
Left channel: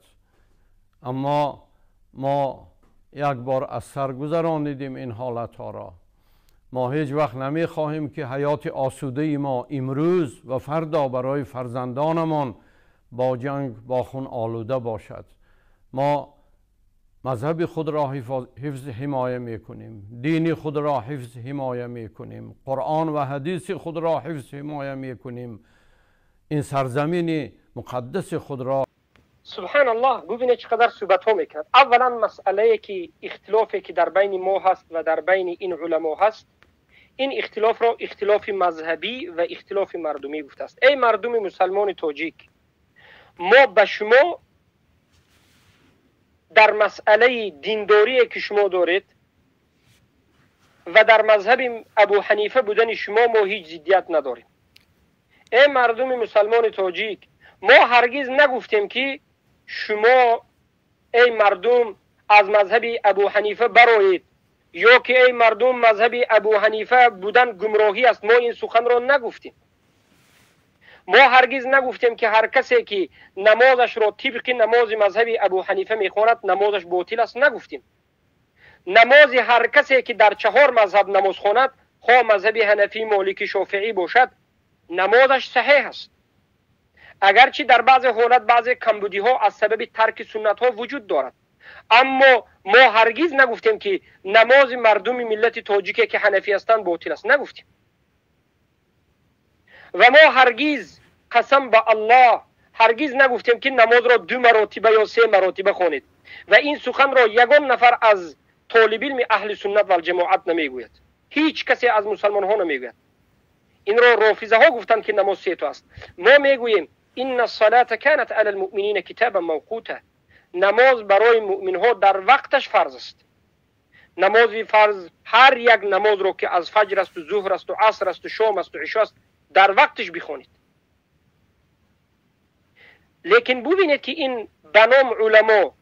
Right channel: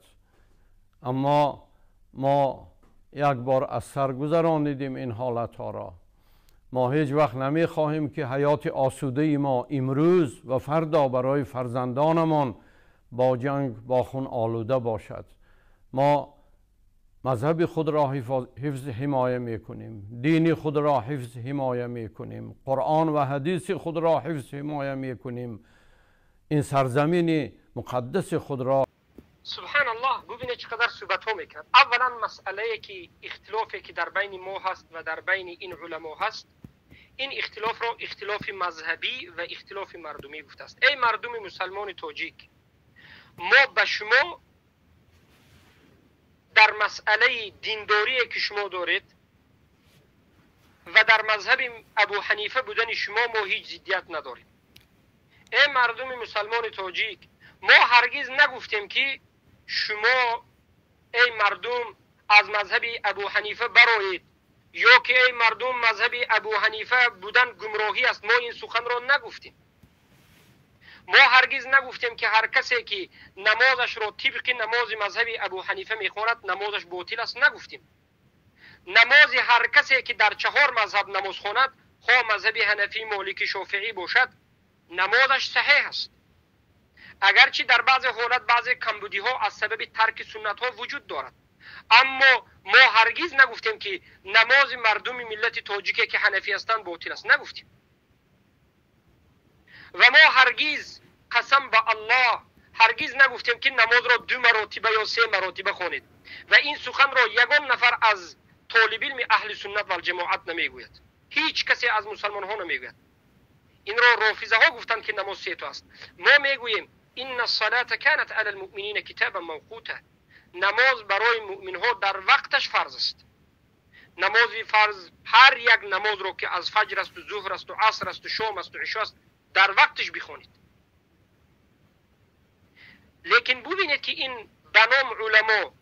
اما ما یک بار از سر گذراندیم این حالت ها را. ما هیچ وقت نمی خواهیم که حیات آسوده ما امروز و فردا برای فرزندانمان با جنگ با خون آلوده باشد. ما مذهب خود را حفظ حمایه می کنیم، دین خود را حفظ حمایه می کنیم، قرآن و حدیث خود را حفظ حمایه می کنیم، این سرزمین مقدس خود را. سبحان الله، ببینید چقدر صحبت ها میکرد. اولا مسئله که اختلافی که در بین ما هست و در بین این علما هست، این اختلاف را اختلاف مذهبی و اختلاف مردمی گفته است. ای مردم مسلمان تاجیک، ما به شما در مسئله دینداری که شما دارید و در مذهب ابو حنیفه بودن شما ما هیچ ضدیت نداریم. ای مردم مسلمان تاجیک، ما هرگز نگفتیم که شما ای مردم از مذهب ابو حنیفه برآیید، یا که ای مردم مذهب ابو حنیفه بودن گمراهی است. ما این سخن را نگفتیم. ما هرگز نگفتیم که هر کسی که نمازش را طبق نماز مذهب ابو حنیفه میخواند نمازش باطل است. نگفتیم. نماز هر کسی که در 4 مذهب نماز خواند، خواه مذهب حنفی، مالکی، شافعی باشد، نمازش صحیح است. اگرچه در بعض حالت بعض کمبودی ها از سبب ترک سنت ها وجود دارد، اما ما هرگز نگفتیم که نماز مردم ملت تاجیک که حنفی هستند باطل است. نگفتیم. و ما هرگز، قسم به الله، هرگز نگفتیم که نماز را 2 مراتبه یا 3 مراتبه خوانید. و این سخن را یگان نفر از طالب علم اهل سنت و الجماعت نمیگوید. هیچ کسی از مسلمان ها نمیگوید. این را رافضه ها گفتند که نماز 3 تا است. ما میگوییم ان الصلاه كانت على المؤمنین کتابا موقوتا. نماز برای مؤمن ها در وقتش فرض است. نماز فرض، هر یک نماز رو که از فجر است و ظهر است و عصر است و شام است و عشا است، در وقتش بخونید. لیکن ببینید که این بنام علما،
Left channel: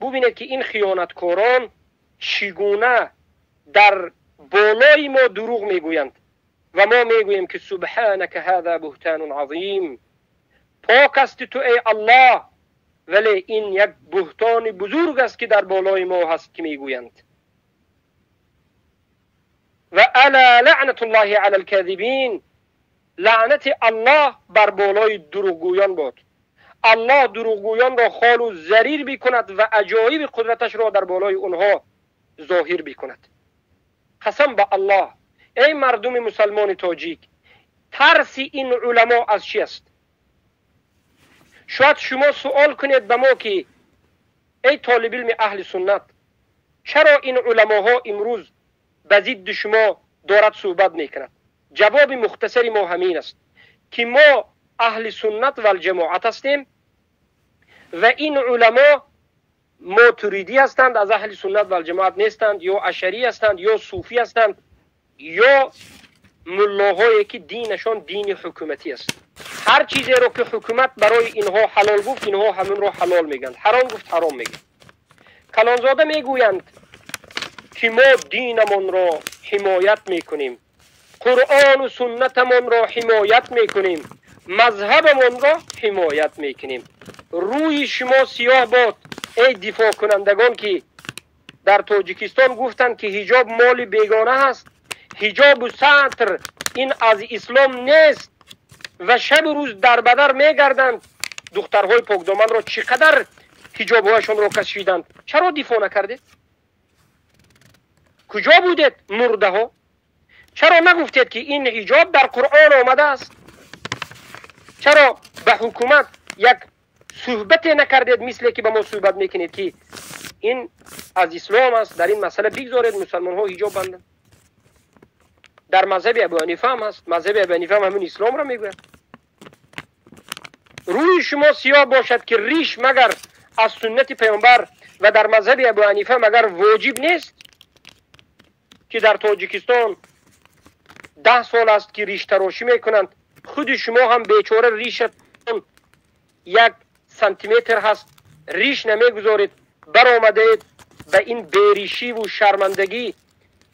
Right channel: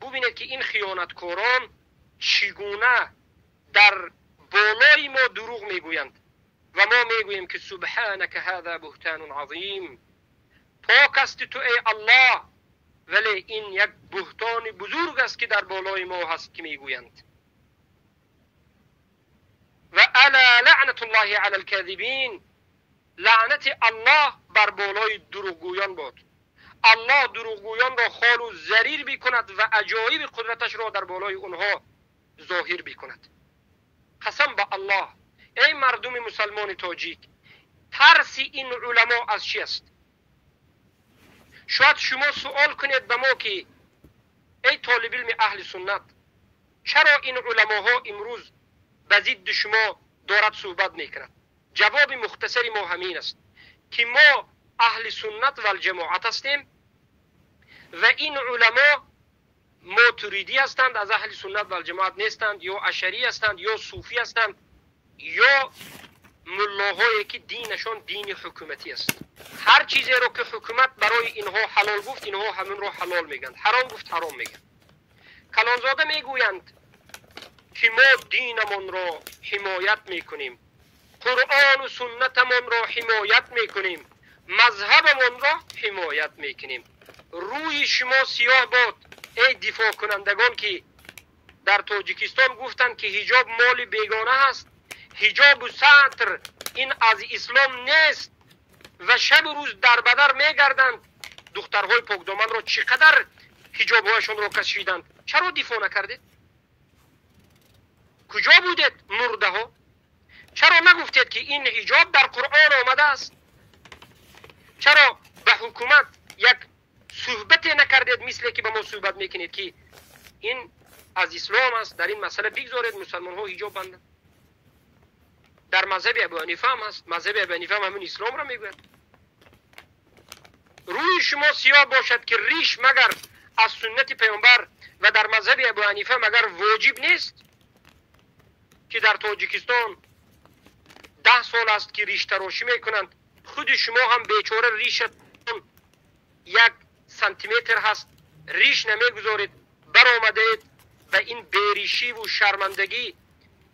ببینید که این خیانتکاران چگونه در بالای ما دروغ میگویند و ما میگوییم که سبحانك هذا بهتان عظیم. پاک است تو ای الله، ولی این یک بهتان بزرگ است که در بالای ما هست که میگویند. و الا لعنت الله علی الكاذبین. لعنت الله بر بالای دروغگویان باد. الله دروغگویان را خال و ضریر بکند و عجایب قدرتش را در بالای اونها ظاهر بکند. قسم به الله، ای مردم مسلمان تاجیک، ترس این علما از چی است؟ شاید شما سوال کنید به ما که ای طالب علم اهل سنت، چرا این علماها امروز به ضد شما دارد صحبت میکند؟ جواب مختصری ما همین است که ما اهل سنت و الجماعت هستیم و این علما ماتریدی هستند، از اهل سنت و الجماعت نیستند، یا اشعری هستند، یا صوفی هستند، یا ملاهایی که دینشان دین حکومتی است. هر چیزی رو که حکومت برای اینها حلال گفت، اینها همون رو حلال میگن، حرام گفت حرام میگن. کلانزاده میگویند که ما دینمون را حمایت میکنیم، قرآن و سنتمون را حمایت میکنیم، مذهبمون را حمایت میکنیم. روی شما سیاه باد ای دفاع کنندگان که در تاجیکستان گفتند که حجاب مال بیگانه هست، حجاب و ستر این از اسلام نیست و شب و روز در بدر میگردند. دخترهای پاکدامن را چقدر حجابهایشان را کشیدند. چرا دفاع نکردید؟ کجا بودید مرده ها؟ چرا نگفتید که این حجاب در قرآن آمده است؟ چرا به حکومت یک صحبت نکردید مثل که به ما صحبت میکنید که این از اسلام است، در این مسئله بگذارید مسلمان ها حجاب بندن؟ در مذهب ابو حنیفه هم هست. مذهب ابو حنیفه هم همون اسلام را میگوید. روی شما سیاه باشد که ریش مگر از سنت پیامبر و در مذهب ابو حنیفه مگر واجب نیست که در تاجیکستان 10 سال است که ریش تراشی میکنند. خود شما هم بیچاره ریشتون 1 سانتیمتر هست، ریش نمیگذارید. برآمدید به این بیریشی و شرمندگی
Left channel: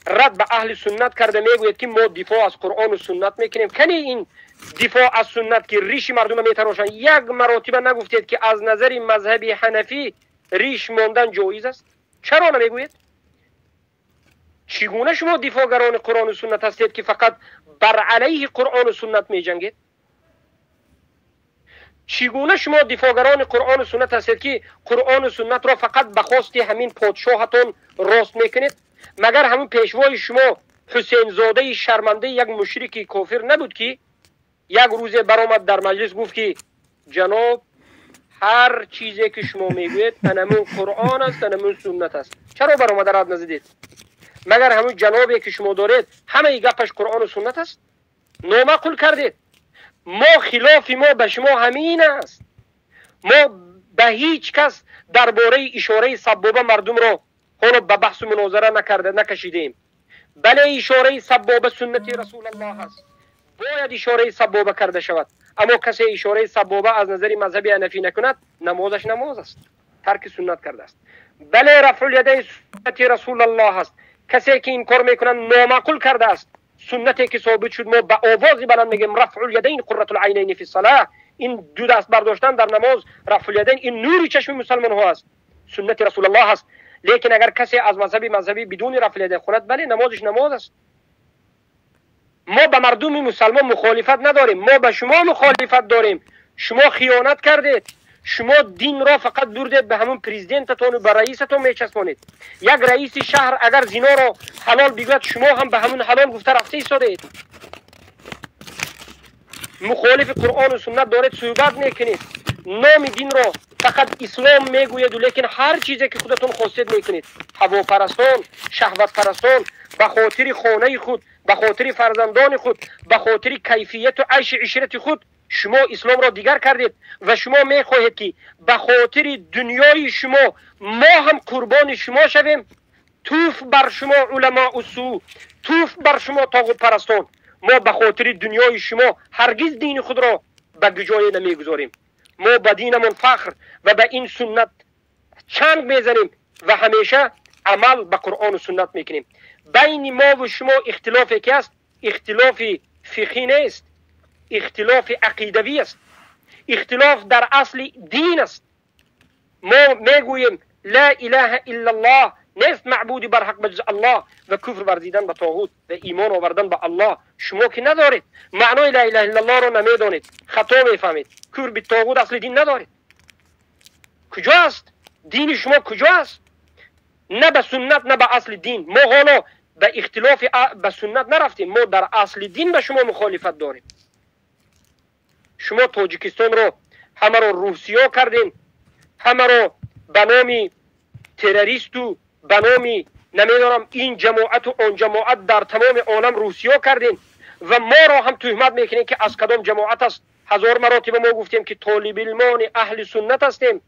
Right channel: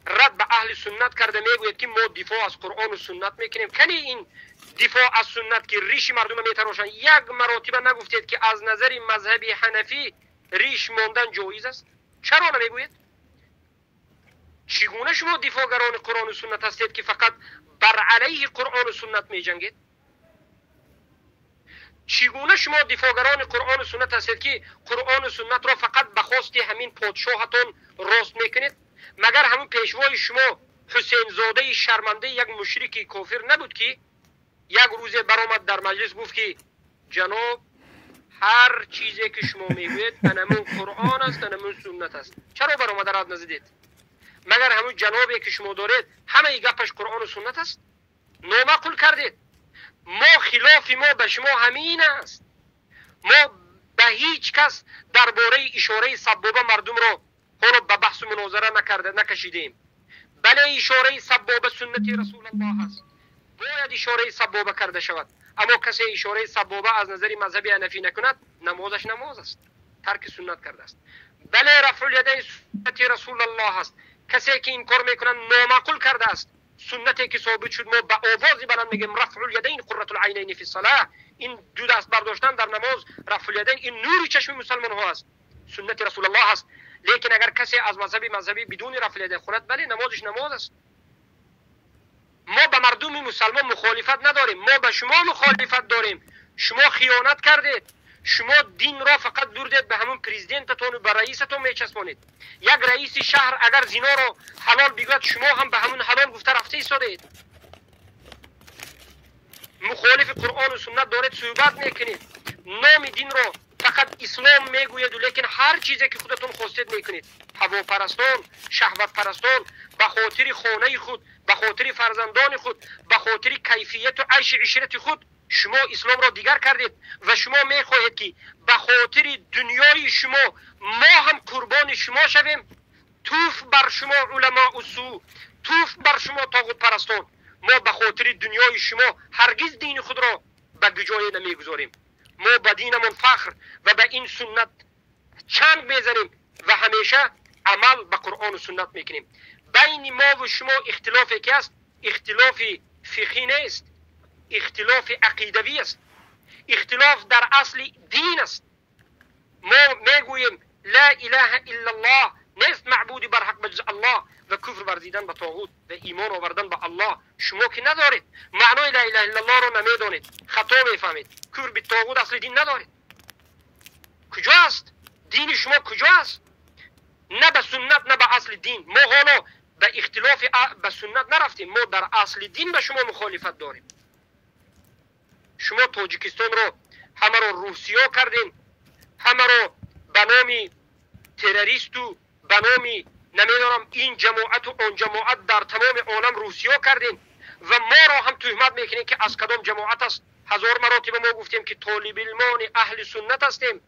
رد به اهل سنت کرده میگوید که ما دفاع از قرآن و سنت میکنیم. کنی این دفاع از سنت که ریش مردم میتراشن 1 مرتبه نگفتید که از نظر مذهبی حنفی ریش ماندن جایز است؟ چرا نمیگوید؟ چگونه شما دفاعگران قرآن و سنت هستید که فقط بر علیه قرآن و سنت می جنگید؟ چگونه شما دفاعگران قرآن و سنت هستید که قرآن و سنت را فقط به خواست همین پادشاهتون راست میکنید؟ مگر همون پیشوای شما حسین زاده شرمنده یک مشرک کافر نبود که یک روز برآمد در مجلس گفت که جناب هر چیزی که شما میگوید انمون قرآن است، انمون سنت است؟ چرا برآمد رد نزدید؟ مگر همون جنابی که شما دارید همه گپش قرآن و سنت است؟ نامعقول کردید. ما خلاف ما به شما همین است. ما به هیچ کس درباره اشاره سبابه مردم را حالا به بحث و مناظره نکشیدیم. بله اشاره سبابه سنت رسول الله است، باید اشاره سبابه کرده شود. اما کسی اشاره سبابه از نظر مذهبی حنفی نکند نمازش نماز است. ترک سنت کرده است. بله رفع الیدین سنت رسول الله است. کسی که این کار میکنن نامعقول کرده است. سنتی که ثابت شد ما با آوازی بلند میگیم رفع الیدین قرة العینین فی الصلاة، این دو دست برداشتن در نماز، رفع الیدین، این نور چشم مسلمان ها است، سنت رسول الله است. لیکن اگر کسی از مذهبی بدون رفع الیدین خورد، بله نمازش نماز است. ما به مردم مسلمان مخالفت نداریم، ما به شما مخالفت داریم. شما خیانت کردید، شما دین را فقط بردید به همون پرزیدنتتون و به رئیستون میچسبانید. یک رئیس شهر اگر زنا را حلال بگوید، شما هم به همون حلال گفته رفته ایستادید. مخالف قرآن و سنت دارید صحبت میکنید، نام دین را فقط اسلام میگوید، لیکن هر چیزی که خودتون خواستید میکنید. هواپرستان، شهوت پرستان، به خاطر خانه خود، به خاطر فرزندان خود، به خاطر کیفیت و عیش عشرت خود شما اسلام را دیگر کردید و شما میخواهید که به خاطر دنیای شما ما هم قربان شما شویم. توف بر شما علماء السوء، توف بر شما طاغوت پرستان. ما به خاطر دنیای شما هرگز دین خود را به گجای نمیگذاریم. ما به دینمون فخر و به این سنت چنگ میزنیم و همیشه عمل به قرآن و سنت میکنیم. بین ما و شما اختلافی که است، اختلاف فقهی نیست، اختلاف عقیدوی است، اختلاف در اصل دین است. ما میگوییم لا اله الا الله، نیست معبودی بر حق بجز الله، و کفر ورزیدن به طاغوت و ایمان آوردن به الله. شما که ندارید، معنای لا اله الا الله رو نمیدانید، خطا میفهمید. کفر به طاغوت اصل دین ندارید. کجا است دین شما؟ کجا است؟ نه به سنت نه به اصل دین. ما حالا به اختلاف به سنت نرفتیم، ما در اصل دین به شما مخالفت داریم. شما تاجیکستان رو همه رو روسیا کردین، همه رو به نام تروریست و به نام نمیدونم این جماعت و آن جماعت در تمام عالم روسیا کردین و ما را هم تهمت میکنین که از کدام جماعت است. هزار مراتب ما گفتیم که طالب علمان اهل سنت هستیم،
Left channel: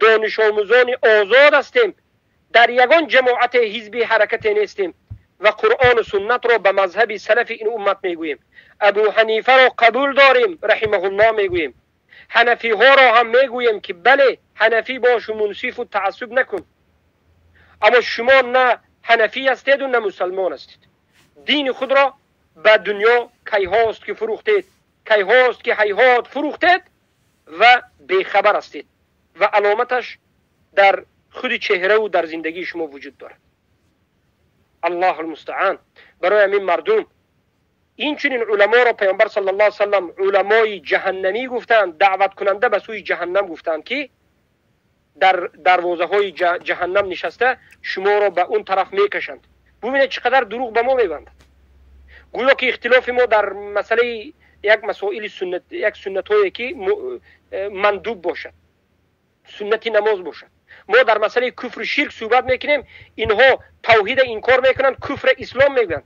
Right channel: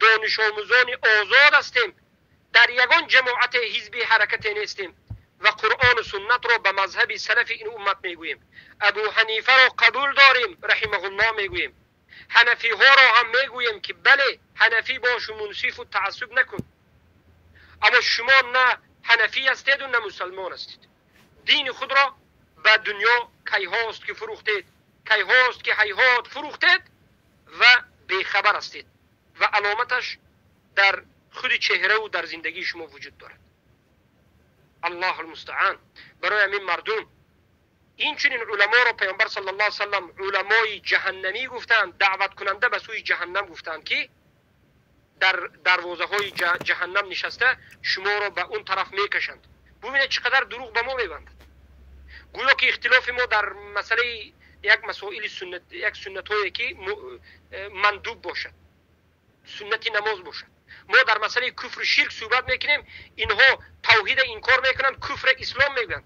دانش آموزان آزاد هستیم، در یگان جماعت حزبی حرکت نیستیم و قرآن و سنت را به مذهب سلف این امت میگوییم. ابو حنیفه را قبول داریم رحمه الله میگوییم. حنفی ها را هم میگوییم که بله حنفی باش و منصف و تعصب نکن. اما شما نه حنفی هستید و نه مسلمان هستید. دین خود را به دنیا کی هاست که فروختید، کی هاست که هیهات فروختید و بیخبر هستید و علامتش در خود چهره و در زندگی شما وجود دارد. الله المستعان. برای همین مردم این چنین علما را پیامبر صلی الله علیه وسلم علمای جهنمی گفتند، دعوت کننده به سوی جهنم گفتند که در دروازه های جهنم نشسته شما را به اون طرف میکشند. ببینید چقدر دروغ به ما میبندند. گویا که اختلاف ما در مسئله یک مسائل سنت، یک سنت هایی که مندوب باشد، سنتی نماز باشد. ما در مسئله کفر و شرک صحبت میکنیم، اینها توحید انکار میکنند، کفر اسلام میگن.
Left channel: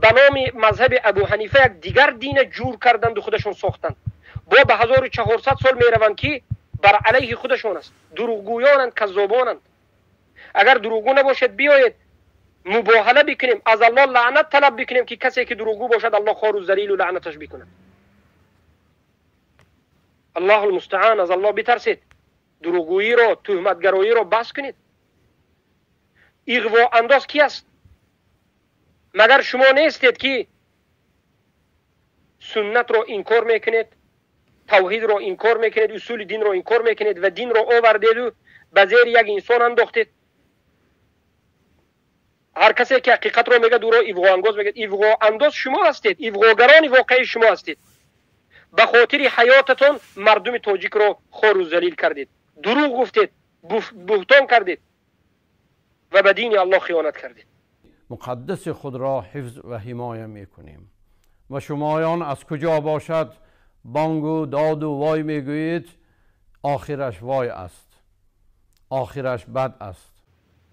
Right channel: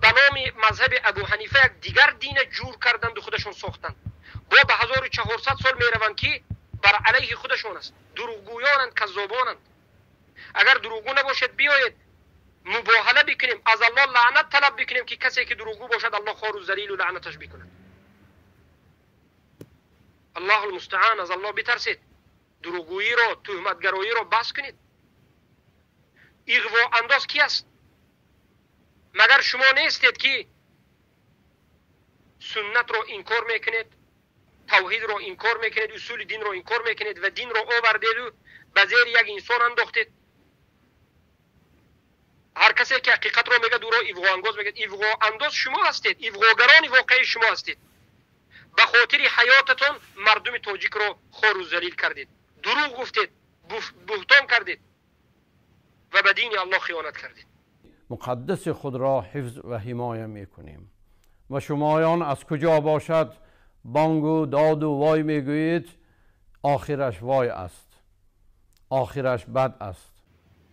به نام مذهب ابو حنیفه یک دیگر دین جور کردند و خودشون ساختند. با به 1400 سال میروند که بر علیه خودشون است. دروغگویانند، کذابانند. اگر دروغگو نباشد بیایید مباهله بکنیم، از الله لعنت طلب بکنیم که کسی که دروغگو باشد الله خوار و ذلیل و لعنتش بکنه. الله المستعان. از الله بترسید، دروغگویی را، تهمتگرایی را بس کنید. اغوا انداز کی است؟ مگر شما نیستید که سنت را انکار میکنید، توحید را انکار میکنید، اصول دین را انکار میکنید و دین را آوردید و به زیر یک انسان انداختید؟ هر کسی که حقیقت را میگه دورا اغوا انداز میگه. اغوا انداز شما هستید، اغواگران واقعی شما هستید. به خاطر حیاتتون مردم تاجیک را خوار و ذلیل کردید، دروغ گفتید، بهتان کردید و به دین الله خیانت کردید. مقدس خود را حفظ و حمایه میکنیم و شمایان از کجا باشد بانگ و داد و وای میگویید، آخرش وای است، آخرش بد است.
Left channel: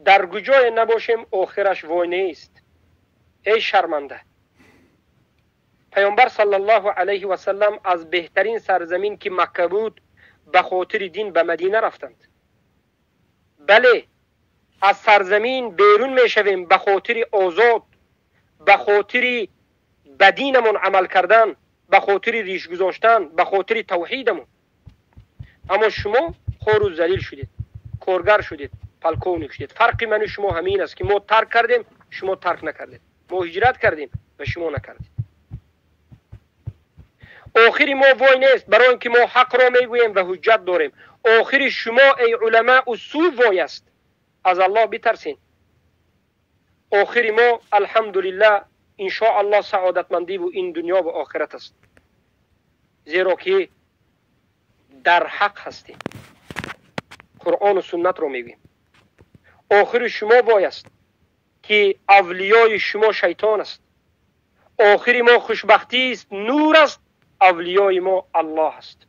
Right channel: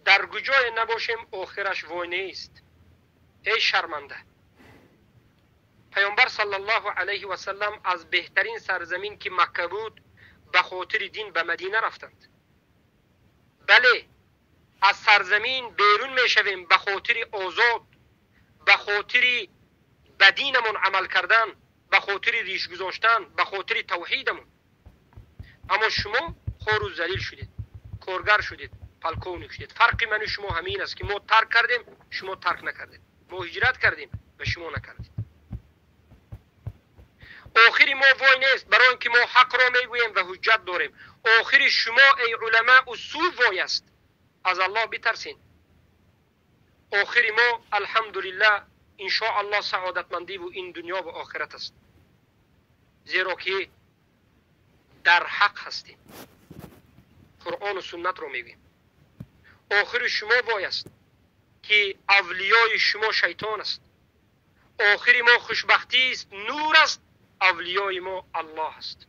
در کجای نباشیم آخرش وای نیست. ای شرمنده. پیامبر صلی الله علیه و سلم از بهترین سرزمین که مکه بود به خاطر دین به مدینه رفتند. بله از سرزمین بیرون میشویم به خاطر آزاد، به خاطر به دینمون عمل کردن، به خاطر ریش گذاشتن، به خاطر توحیدمون. اما شما خوار و ذلیل شدید. کارگر شدید، پالکونیک شدید. فرق من و شما همین است که ما ترک کردیم، شما ترک نکردید. ما هجرت کردیم و شما نکردید. آخری ما وای نیست، برای اینکه ما حق را میگوییم و حجت داریم. آخری شما ای علماء اصول وای است. از الله بترسین. آخری ما الحمدلله ان شاء الله سعادتمندی و این دنیا و آخرت است، زیرا که در حق هستیم. قرآن و سنت رو میگیم. آخر شما وای است که اولیای شما شیطان است. آخر ما خوشبختی است، نور است. اولیای ما الله است.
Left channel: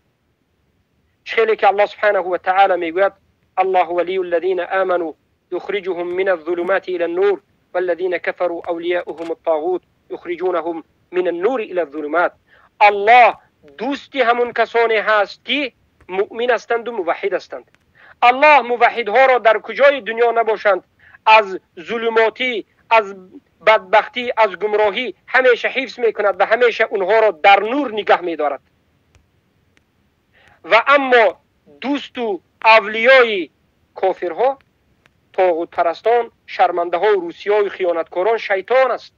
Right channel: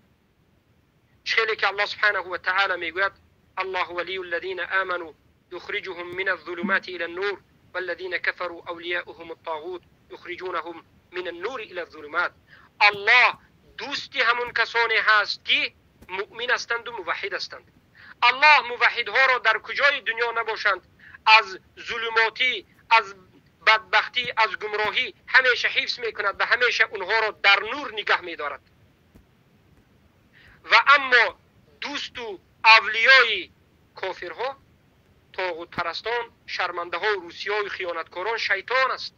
چخیلی که الله سبحانه و تعالی میگوید الله ولی الذین آمنوا یخرجهم من الظلمات الى النور والذین كفروا اولیاؤهم الطاغوت یخرجونهم من النور الى الظلمات. الله دوستی همون کسانی هست که مؤمن هستند و موحد هستند. الله موحدها را در کجای دنیا نباشند از ظلماتی، از بدبختی، از گمراهی همیشه حفظ میکند و همیشه اونها را در نور نگه میدارد. و اما دوست و اولیای کافرها، طاغوت پرستان، شرمنده ها و روسیای خیانتکاران شیطان است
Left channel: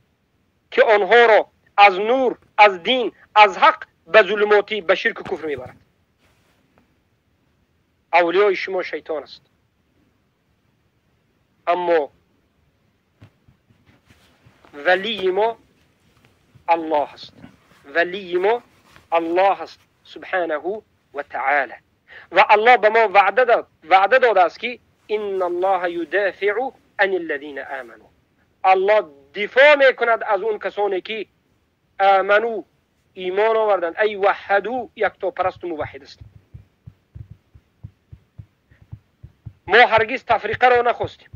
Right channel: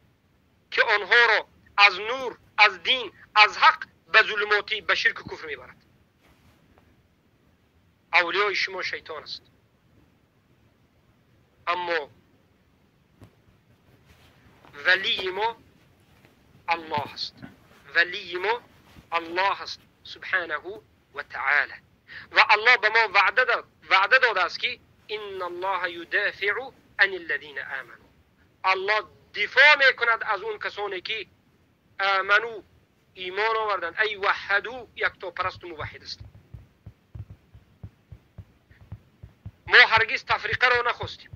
که آنها را از نور، از دین، از حق به ظلماتی، به شرک و کفر میبرد. اولیای شما شیطان است. اما ولی ما الله است. ولی ما الله است سبحانه و تعالی. و الله به ما وعده داده است که ان الله یدافع عن الذین آمنوا. الله دفاع میکند از اون کسانی که آمنو، ایمان آوردند، ای وحدو، یکتا پرست و موحد است. ما هرگز تفریقه را نخواستیم.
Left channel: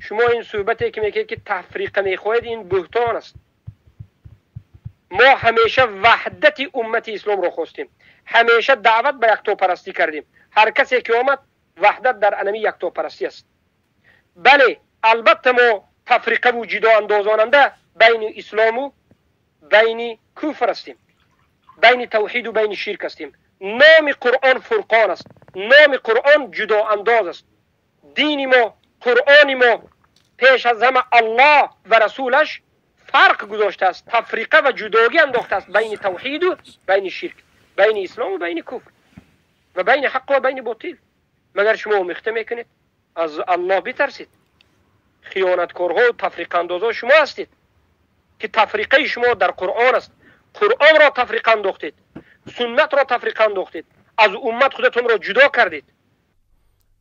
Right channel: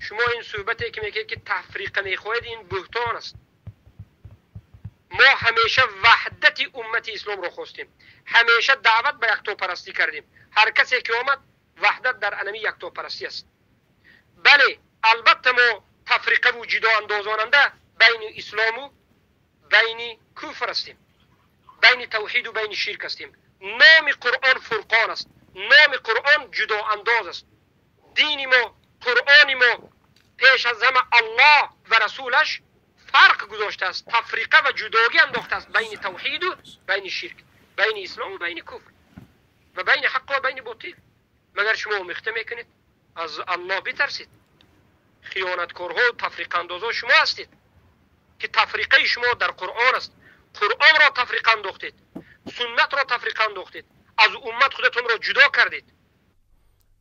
شما این صحبتی که میگید که تفریقه میخواهید این بهتان است. ما همیشه وحدت امت اسلام را خواستیم. همیشه دعوت به یکتا پرستی کردیم. هر کسی که آمد وحدت در انمی یکتا پرستی است. بله البته ما تفریقه و جدا اندازاننده بین اسلام و بین کفر هستیم، بین توحید و بین شرک هستیم. نام قرآن فرقان است. نام قرآن جدا انداز است. دین ما، قرآن ما پیش از همه الله و رسولش فرق گذاشته است. تفریقه و جداگی انداخته است بین توحید و بین شرک، بین اسلام و بین کفر و بین حق و بین باطل. مگر شما مخته میکنید؟ از الله بترسید. خیانتکارها و تفریقه اندازها شما هستید که تفریقه شما در قرآن است. قرآن را تفریقه انداختید، سنت را تفریقه انداختید، از امت خودتون را جدا کردید.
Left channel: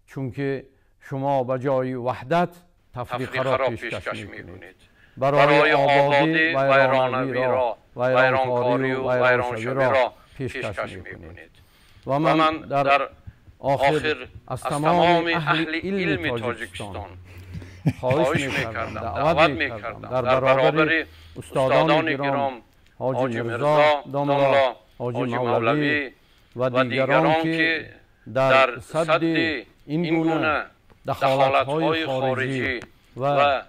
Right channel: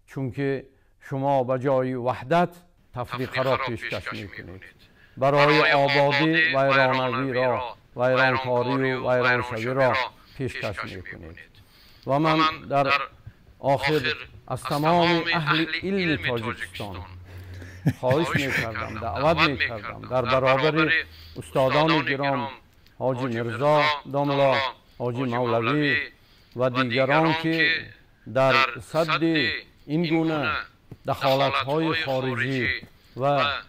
چون که شما به جای وحدت تفریقه را پیشکش میکنید. برای آبادی ویرانوی را، ویرانکاری و ویرانشوی را پیشکش میکنید. و من در آخر از تمام اهل علم تاجیکستان خواهش میکردم، دعوت میکردم در برابر استادان گرام حاجی مرزا داملا، حاجی مولوی و دیگران که در صد این گونه دخالت‌های خارجی و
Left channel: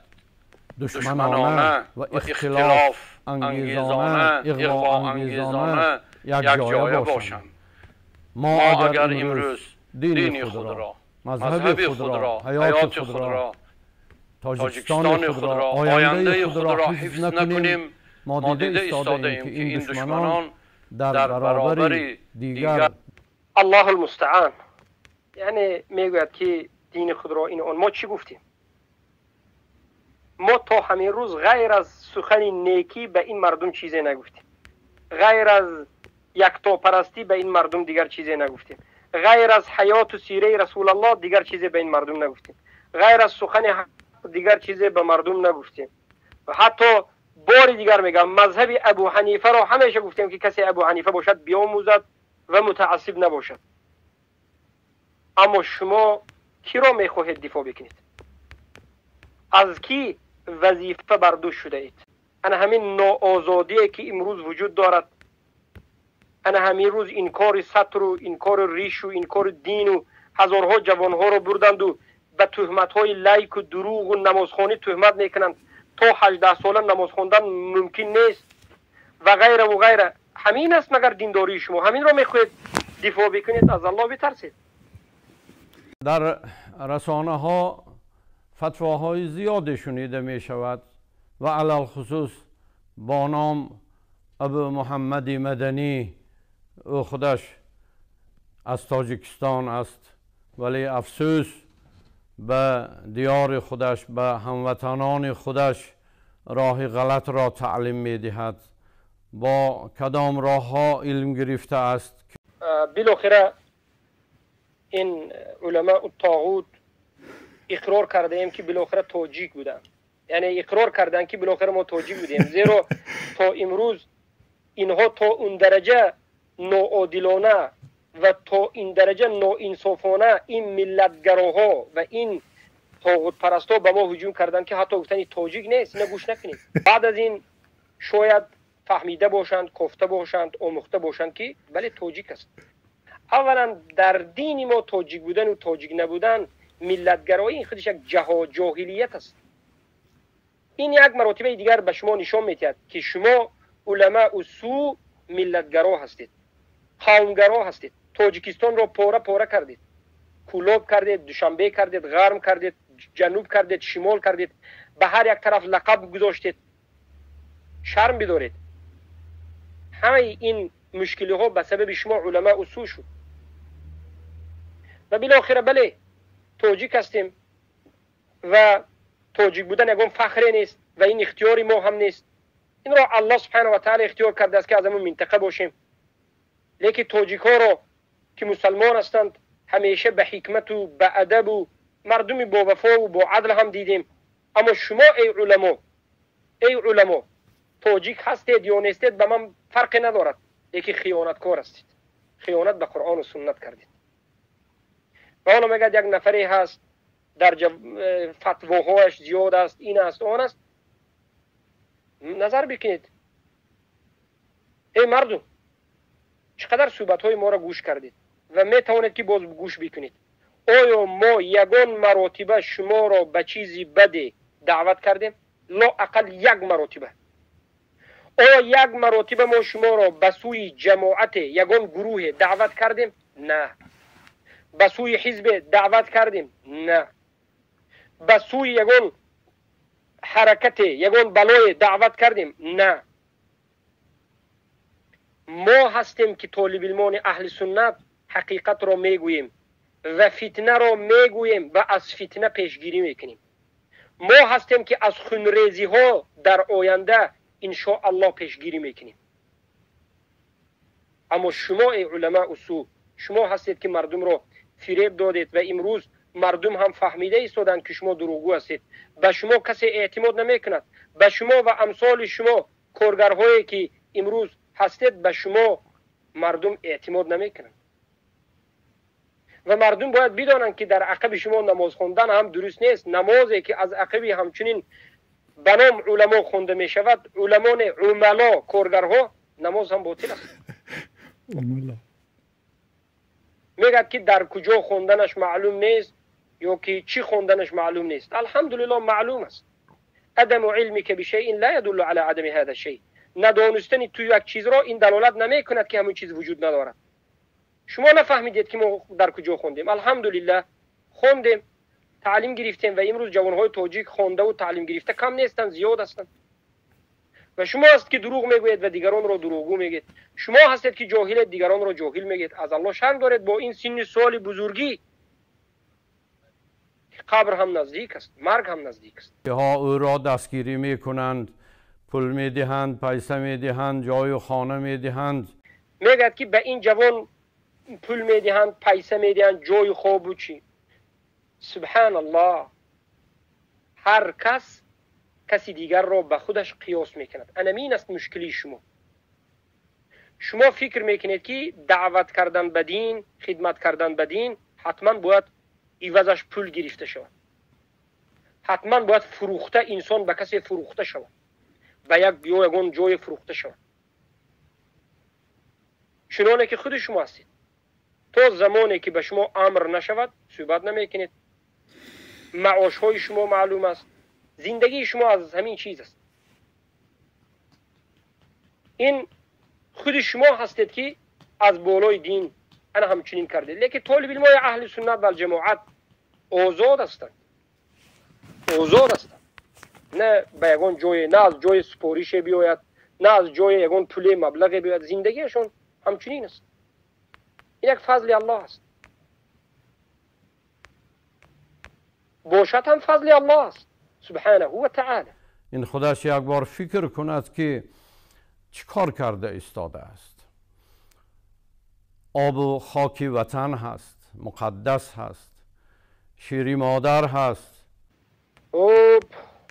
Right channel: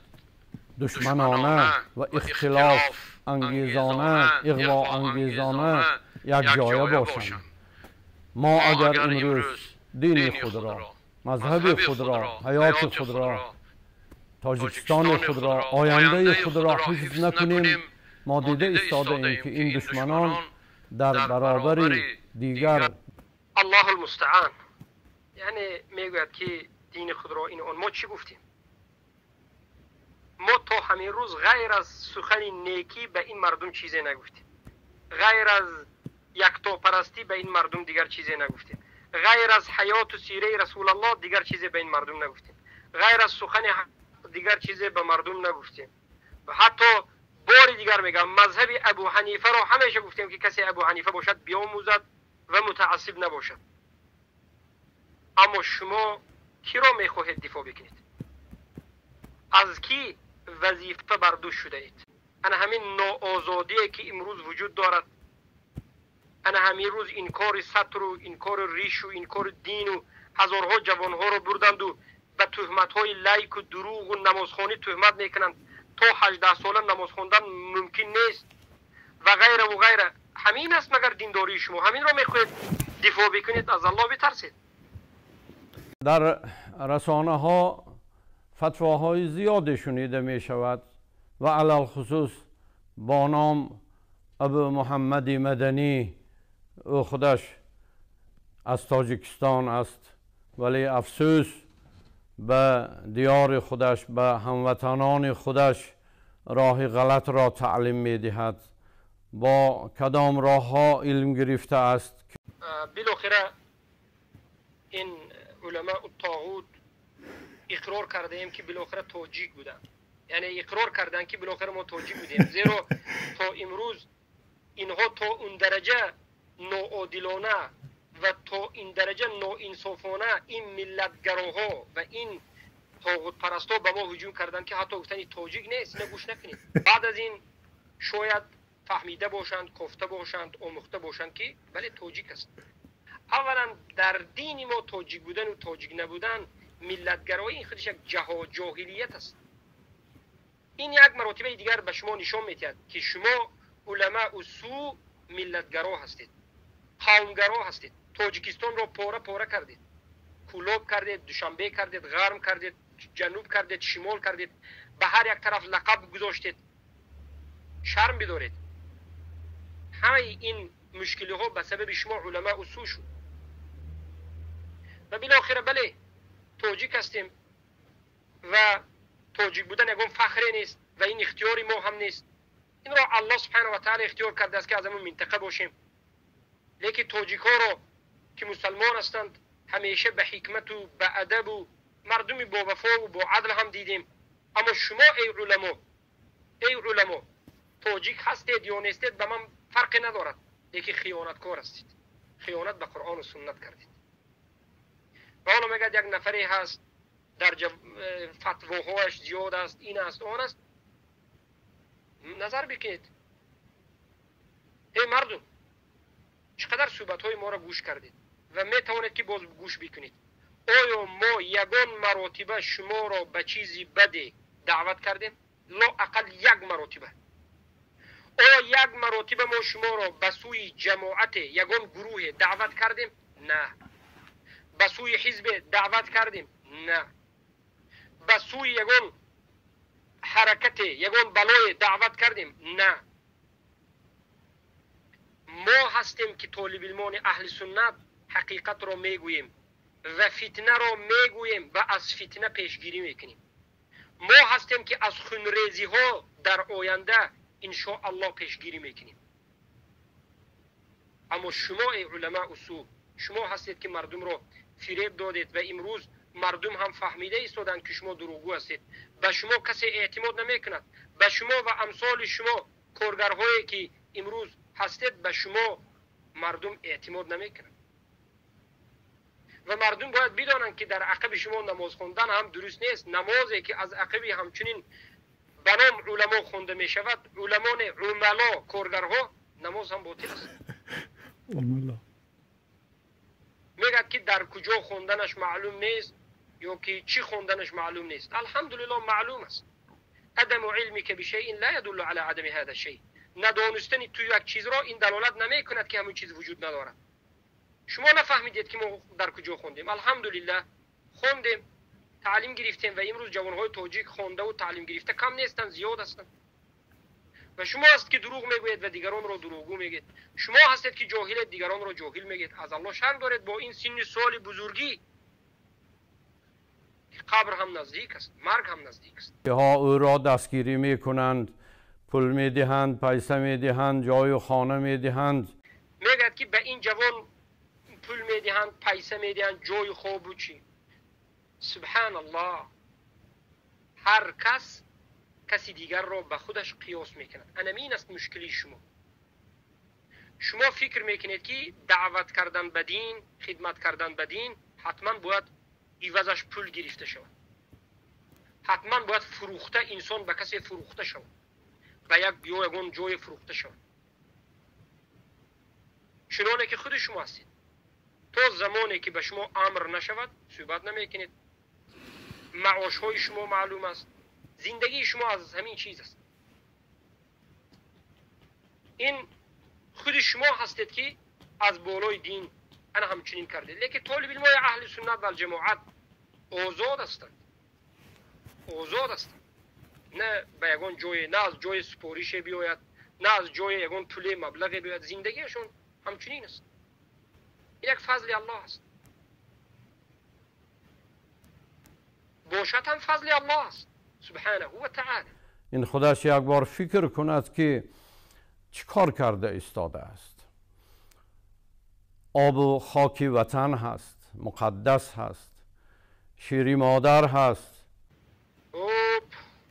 دشمنانه و اختلاف انگیزانه، اغوا انگیزانه یک جایه باشند. ما اگر امروز دین خود را، مذهب خود را، حیات خود را، تاجیکستان خود را، آینده خود را حفظ نکنیم، ما دیده ایستاده ایم که این دشمنان در برابر دیگر. الله المستعان. یعنی میگوید که دین خود را این ما چی گفتیم؟ ما تا همین روز غیر از سخن نیکی به این مردم چیزی نگفتیم. غیر از یکتا پرستی به این مردم دیگر چیزی نگفتیم. غیر از حیات و سیره رسول الله دیگر چیزی به این مردم نگفتیم. غیر از سخن دیگر چیزی به مردم نگفتیم. و حتی بار دیگر میگم مذهب ابو حنیفه را همیشه گفتیم که کسی ابو حنیفه باشد بیاموزد و متعصب نباشد. اما شما کی را میخواهید دفاع بکنید؟ از کی وظیفه بر دوش شده اید؟ انا همین ناآزادی که امروز وجود دارد، انا همین روز این کار سطر و این کار ریش و این کار دین و هزارها جوانها را بردند و به تهمت‌های لایک و دروغ و نمازخوانی تهمت میکنند. تا 18 ساله نماز خواندن ممکن نیست و غیره و غیره. همین است مگر دینداری شما؟ همین را میخواهید دفاع بکنید؟ از الله بترسید. در رسانه ها فتواهای زیادی شنیده می شود و علل خصوص با نام ابو محمد مدنی، او خودش از تاجیکستان است ولی افسوس به دیار خودش، به هموطنان خودش راه غلط را تعلیم می دهد. با کدام راه ها علم گرفته است؟ بالاخره این علماء الطاغوت اقرار کرده ایم که بالاخره تاجیک بودن، یعنی اقرار کردن که بالاخره ما تاجیک بودیم، زیرا تا امروز اینها تا اون درجه ناعادلانه و تا این درجه ناانصافانه این ملتگراها و این طاغوت پرستا به ما هجوم کردن که حتی گفتن تاجیک نیست، اینا گوش نکنیم. بعد از این شاید فهمیده باشند، کفته باشند، آموخته باشند که بله تاجیک است. اولا در دین ما تاجیک بودن و تاجیک نبودن، ملتگرایی خودش یک جاهلیت است. این یک مراتبه دیگر به شما نشان میدهد که شما علماء سو ملتگرا هستید، قومگرا هستید. تاجیکستان را پاره پاره کردید، کلوب کردید، دوشنبه کردید، غرم کردید، جنوب کردید، شمال کردید، به هر یک طرف لقب گذاشتید. شرم بدارید. همه این مشکلی ها به سبب شما علماء سو شد و بالاخره بله تاجیک هستیم و تاجیک بودن یگان فخر نیست و این اختیاری ما هم نیست. این را الله سبحانه و تعالی اختیار کرده است که از همون منطقه باشیم. لیکن تاجیک ها را که مسلمان هستند همیشه به حکمت و به ادب و مردمی با وفا و با عدل هم دیدیم. اما شما ای علما تاجیک هستید یا نیستید به من فرق ندارد، لیکن خیانتکار هستید، خیانت به قرآن و سنت کردید. و حالا میگه یک نفری هست در فتواهایش زیاد است، این است آن است. نظر بکنید ای مردم، چقدر صحبت های ما را گوش کردید و می توانید که باز گوش بکنید. آیا ما یگان مراتبه شما را به چیزی بده دعوت کردیم؟ لا اقل یک مراتبه. آیا یک مراتبه ما شما را به سوی جماعت یگان گروه دعوت کردیم؟ نه. به سوی حزب دعوت کردیم؟ نه. به سوی یگان حرکت یگان بلای دعوت کردیم؟ نه. ما هستیم که طالب علمان اهل سنت حقیقت را میگوییم و فتنه را میگوییم و از فتنه پیشگیری میکنیم. ما هستیم که از خونریزی ها در آینده انشاء الله پیشگیری میکنیم. اما شما ای علماء سو، شما هستید که مردم را فریب دادید و امروز مردم هم فهمیده ایستادند که شما دروغگو هستید. به شما کسی اعتماد نمیکند. به شما و امثال شما کارگرهایی که امروز هستید به شما مردم اعتماد نمیکنند. و مردم باید بدانند که در عقب شما نماز خواندن هم درست نیست. نمازی که از عقب همچنین به نام علما خونده می شود، علمان عملا کارگرها، نماز هم باطل است. میگه که در کجا خوندنش معلوم نیست یا که چی خوندنش معلوم نیست. الحمدلله معلوم است. عدم علمی که بشیء لا يدل على عدم هذا الشيء. ندانستن تو یک چیز را این دلالت نمی کند که همون چیز وجود ندارد. شما نفهمیدید که ما در کجا خوندیم. الحمدلله خوندیم، تعلیم گرفتیم و امروز جوانهای تاجیک خونده و تعلیم گرفته کم نیستند، زیاد هستند. و شما هست که دروغ میگوید و دیگران را دروغگو میگید. شما هستید که جاهل دیگران را جاهل میگید. از الله شرم دارید با این سن سال بزرگی. قبر هم نزدیک است، مرگ هم نزدیک است. ها او را دستگیری میکنند، پول میدهند، پیسه میدهند، جای و خانه میدهند. میگد که به این جوان پول میدهند، پیسه میدهند، جای خواب و چی. سبحان الله. هر کسی دیگر را به خودش قیاس میکند. این است مشکلی شما. شما فکر میکنید که دعوت کردن به دین، خدمت کردن به دین حتما باید عوضش پول گرفته شود. حتما باید فروخته انسان به کسی فروخته شود، به یک یگان جای فروخته شود. چنانه که خود شما هستید. تا زمانی که به شما امر نشود صحبت نمیکنید. معاش های شما معلوم است. زندگی شما از همین چیز است. این خود شما هستید که از بالای دین انا همچنین کرده. لیکن طالب علمای اهل سنت و جماعت آزاد هستند، آزاد هستند، نه به یگان جای، نه از جای سپاریش بیاید، نه از جای یگان پول مبلغ بیاید. زندگیشون همچنین است. این یک فضل الله است، باشد هم فضل الله است سبحانه و تعالی. این خودش یک بار فکر کند که چیکار کرده ایستاده است. آب و خاک وطن هست، مقدس هست، شیری مادر هست.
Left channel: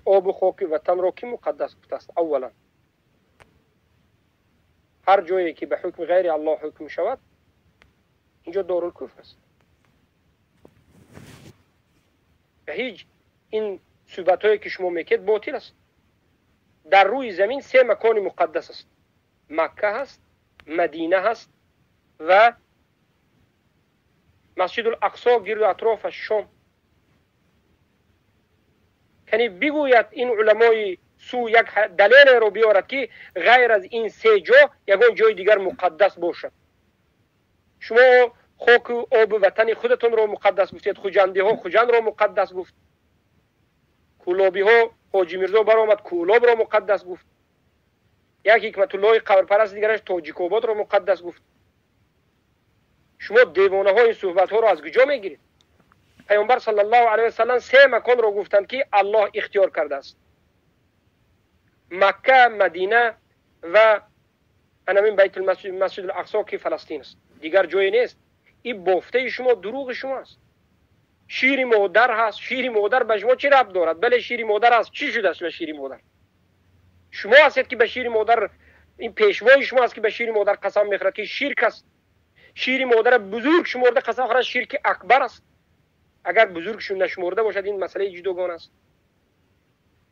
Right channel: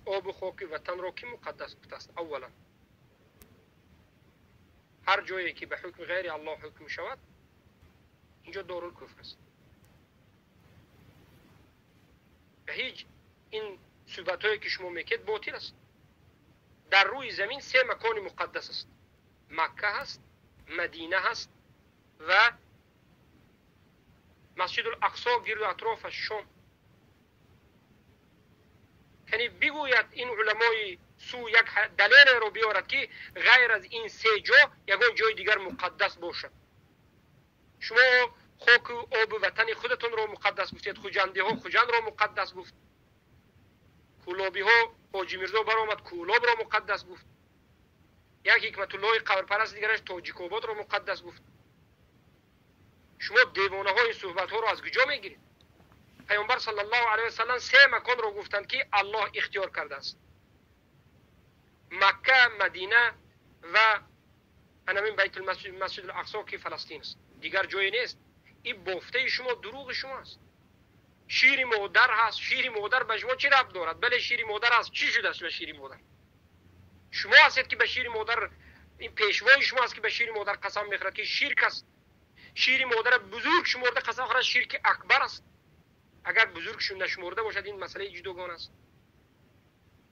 آب و خاک وطن را کی مقدس گفته است؟ اولا هر جایی که به حکم غیر الله حکم شود اینجا دارالکفر است. به هیچ این صحبت هایی که شما میکرد باطل است. در روی زمین 3 مکان مقدس است: مکه هست، مدینه هست و مسجد الاقصی گرد و اطراف شام. یعنی بگوید این علمای سو یک دلیل رو بیارد که غیر از این 3 جا یگان جای دیگر مقدس باشد. شما خاک و آب وطن خودتون رو مقدس گفتید، خوجندی ها خوجند رو مقدس گفت، کولابی ها حاجی میرزا برآمد کولاب رو مقدس گفت، یک حکمت الله قبرپرست دیگرش تاجیک آباد رو مقدس گفت. شما دیوانه ها این صحبت ها رو از کجا میگیرید؟ پیامبر صلی الله علیه و سلم 3 مکان رو گفتند که الله اختیار کرده است: مکه، مدینه و همین بیت المسجد، مسجد الاقصی که فلسطین است. دیگر جایی نیست. این بافته شما، دروغ شما است. شیر مادر هست. شیر مادر به شما چی ربط دارد؟ بله شیر مادر هست. چی شده است به شیر مادر؟ شما هستید که به شیر مادر، این پیشوای شما است که به شیر مادر قسم میخورد که شرک است. شیر مادر بزرگ شمرده قسم خورد شرک اکبر است. اگر بزرگشون نشمرده باشد این مسئله جداگانه است.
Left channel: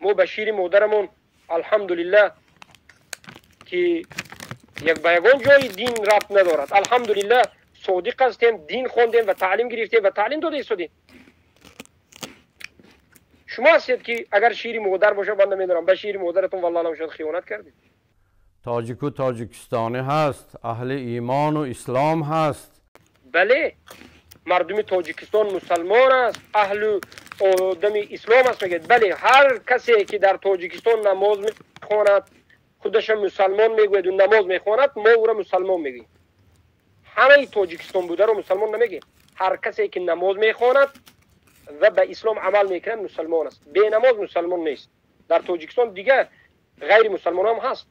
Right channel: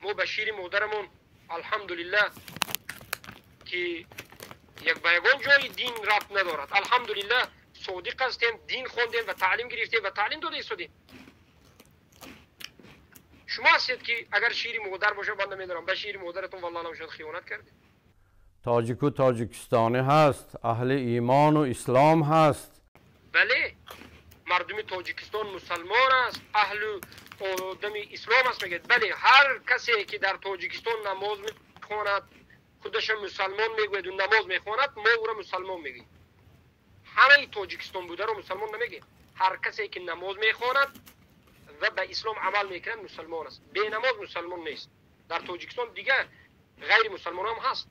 ما به شیر مادرمون الحمدلله که یک به یگان جای دین ربط ندارد، الحمدلله صادق هستیم، دین خوندیم و تعلیم گرفتیم و تعلیم داده ایستادیم. شما هستید که اگر شیر مادر باشه بنده میدارم به شیر مادرتون والله نمیشد خیانت کردید. تاجیک و تاجیکستانی هست، اهل ایمان و اسلام هست. بله مردم تاجیکستان مسلمان است، اهل آدم اسلام است میگید. بله هر کسی که در تاجیکستان نماز میخواند خودش مسلمان میگوید و نماز میخواند، ما او را مسلمان میگیم. همه تاجیکستان بوده رو مسلمان نمیگیم. هر کسی که نماز میخواند و به اسلام عمل میکنه مسلمان است. بی نماز مسلمان نیست. در تاجیکستان دیگه غیر مسلمان هم هست.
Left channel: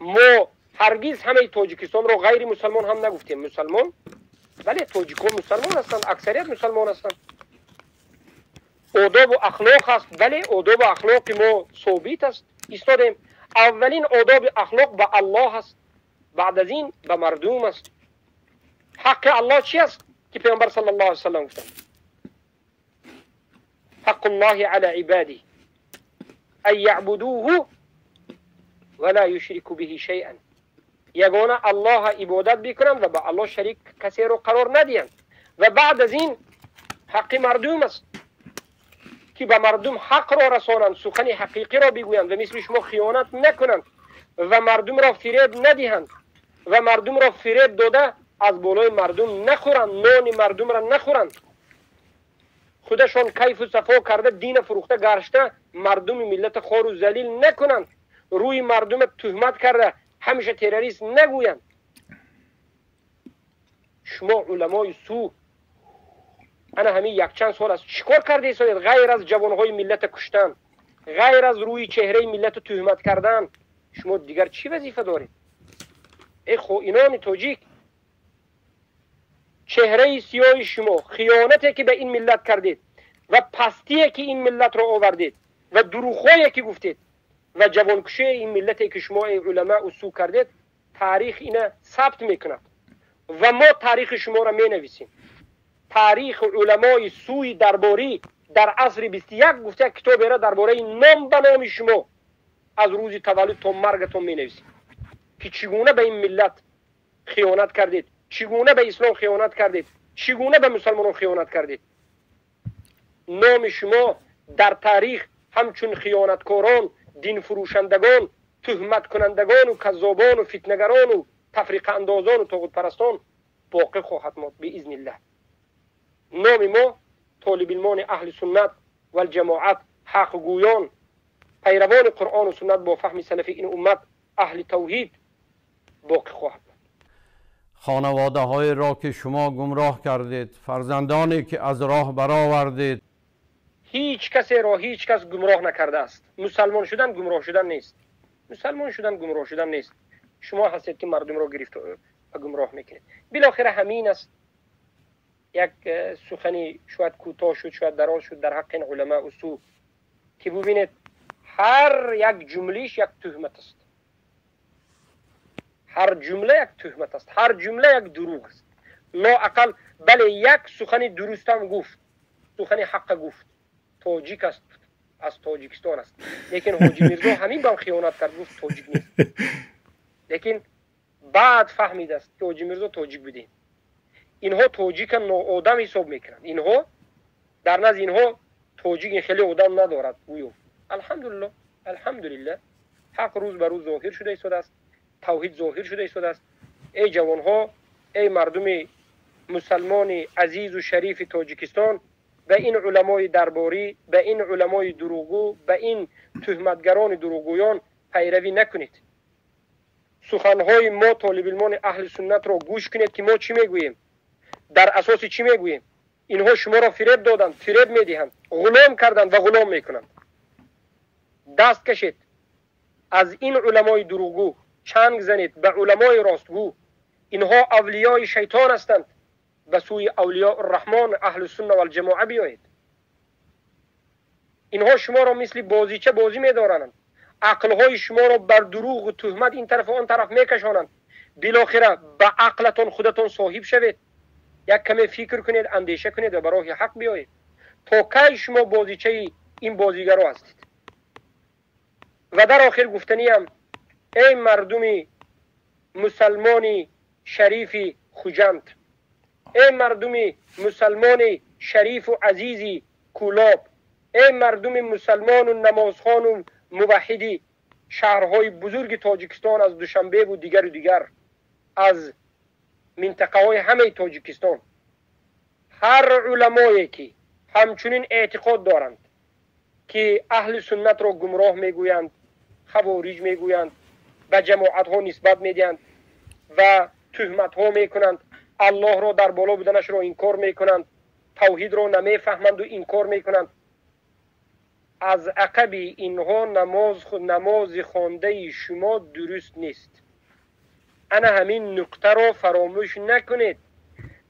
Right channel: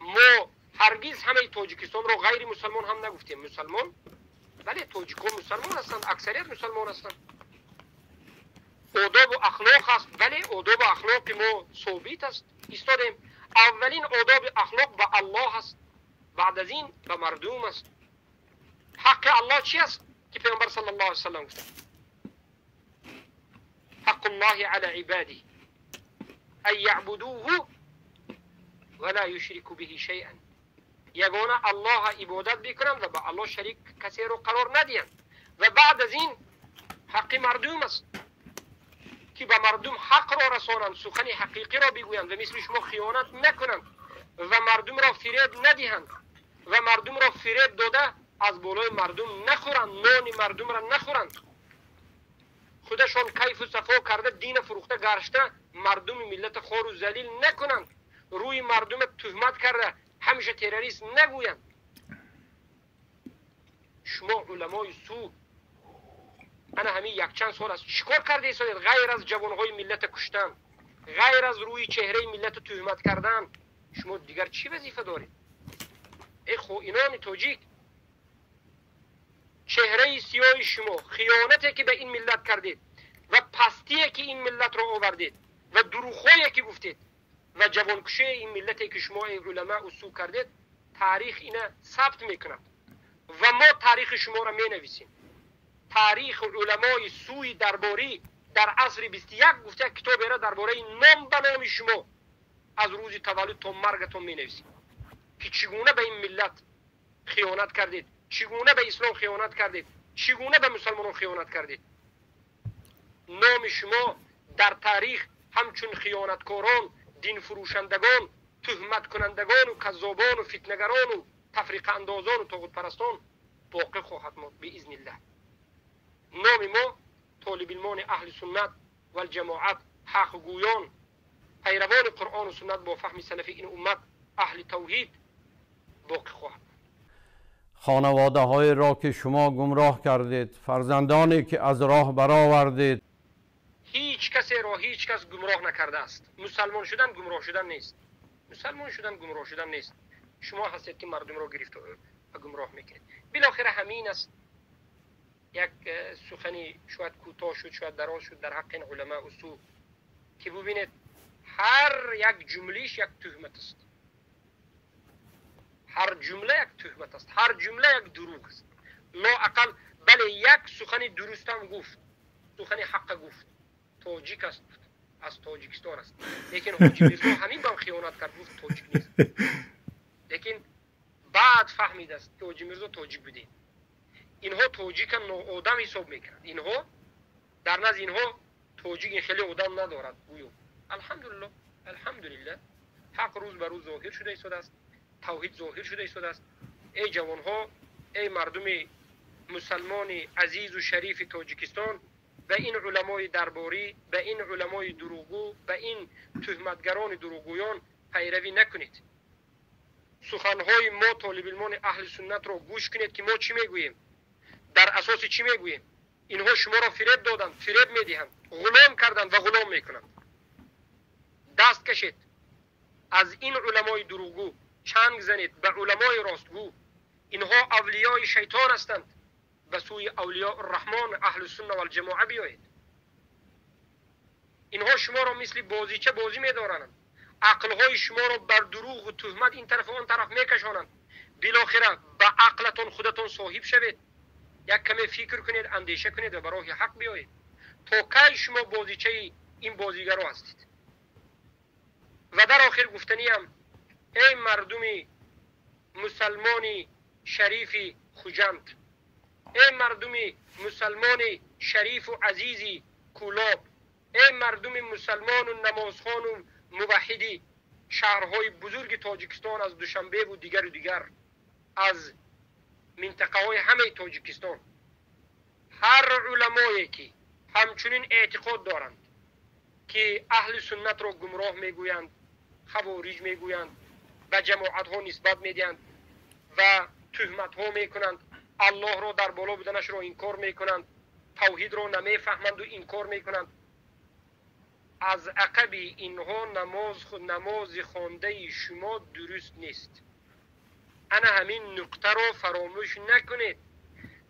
ما هرگز همه تاجیکستان رو غیر مسلمان هم نگفتیم. مسلمان، بله تاجیکان مسلمان هستند، اکثریت مسلمان هستند. آداب و اخلاق هست، بله آداب و اخلاق ما ثابت است ایستادیم. اولین آداب اخلاق به الله هست، بعد از این به مردم است. حق الله چی است که پیامبر صلی الله علیه و سلم گفتند؟ حق الله علی عباده ان یعبدوه ولا یشرکوا به شیئا. یگانه الله عبادت بکنند و به الله شریک کسی رو قرار ندهند. و بعد از این حق مردم است که به مردم حق را رسانند، سخن حقیقی را بگویند و مثل شما خیانت نکنند و مردم را فریب ندهند و مردم را فریب داده از بالای مردم نخورند، نان مردم را نخورند. خودشان کیف و صفا کرده دین فروخته گرشته مردم ملت خوار و ذلیل نکنند. روی مردم تهمت کرده همیشه تروریست نگویند. شما علمای سو انا همین یک چند سال است چیکار کرده ایستادید؟ غیر از جوانهای ملت کشتن، غیر از روی چهره ملت تهمت کردن، شما دیگر چی وظیفه دارید؟ ای خائنان تاجیک، چهره سیاه شما، خیانتی که به این ملت کردید و پستی که این ملت را آوردید و دروغایی که گفتید و جوانکشی این ملتی که شما ای علماء سو کردید، تاریخ اینا ثبت میکند و ما تاریخ شما را می نویسیم. تاریخ علمای سوی درباری در عصر 21 گفته کتاب را درباره نام به نام شما از روز تولد تا مرگتون می نویسیم که چگونه به این ملت خیانت کردید، چگونه به اسلام خیانت کردید، چگونه به مسلمانان خیانت کردید. نام شما در تاریخ همچون خیانتکاران، دین فروشندگان، تهمت کنندگان و کذابان و فتنگران و تفریق اندازان و طاغوت پرستان باقی خواهد ماند باذن الله. نام ما طالب علمان اهل سنت و الجماعت، حق گویان، پیروان قرآن و سنت با فهم سلفی این امت، اهل توحید باقی خواهد ماند. خانواده های را که شما گمراه کردید، فرزندانی که از راه برآوردید، هیچ کسی را هیچ کس گمراه نکرده است. مسلمان شدن گمراه شدن نیست. مسلمان شدن گمراه شدن نیست. شما هستید که مردم را گرفت و گمراه میکنید. بالاخره همین است. یک سخنی شاید کوتاه شد، شاید دراز شد در حق این علما و سو، که ببینید هر یک جملهش یک تهمت است. هر جمله یک تهمت است. هر جمله یک دروغ است. لااقل بله یک سخنی درست هم گفت، سخنی حق گفت، تاجیک است، از تاجیکستان است، لیکن حاجی میرزا همین با خیانت کرد، گفت تاجیک نیست. لیکن بعد فهمید است که حاجی میرزا تاجیک بوده. اینها تاجیک ناآدم حساب میکنند. اینها در نزد اینها تاجیک خیلی آدم ندارد. گویو الحمدلله، الحمدلله حق روز به روز ظاهر شده ایستاده است، توحید ظاهر شده ایستاده است. ای جوانها، ای مردم مسلمان عزیز و شریف تاجیکستان، به این علمای درباری، به این علمای دروغگو، به این تهمتگران دروغگویان پیروی نکنید. سخنهای ما طالب علمان اهل سنت را گوش کنید که ما چی میگوییم، در اساس چی میگوییم. اینها شما را فریب دادند، فریب میدهند، غلام کردند و غلام میکنند. دست کشید از این علمای دروغگو، چنگ زنید به علمای راستگو. اینها اولیای شیطان هستند، به سوی اولیاء الرحمن اهل سنت و الجماعه بیایید. اینها شما را مثل بازیچه بازی میدارند، عقلهای شما را بر دروغ و تهمت این طرف و آن طرف میکشانند. بالاخره به عقلتان خودتان صاحب شوید، یک کمی فکر کنید، اندیشه کنید و به راه حق بیایید. تا کی شما بازیچه این بازیگرا هستید؟ و در آخر گفتنیم، ای مردم مسلمان شریف خوجند، ای مردم مسلمان شریف و عزیزی کولاب، ای مردم مسلمان و نمازخوان و موحدی شهرهای بزرگ تاجیکستان، از دوشنبه و دیگر از منطقه های همه تاجیکستان، هر علمایی که همچنین اعتقاد دارند که اهل سنت را گمراه میگویند، خوارج میگویند، به جماعت ها نسبت میدهند و تهمت ها میکنند، الله را در بالا بودنش را انکار میکنند، توحید را نمیفهمند و انکار میکنند، از عقب اینها نماز خوانده شما درست نیست. انا همین نقطه را فراموش نکنید.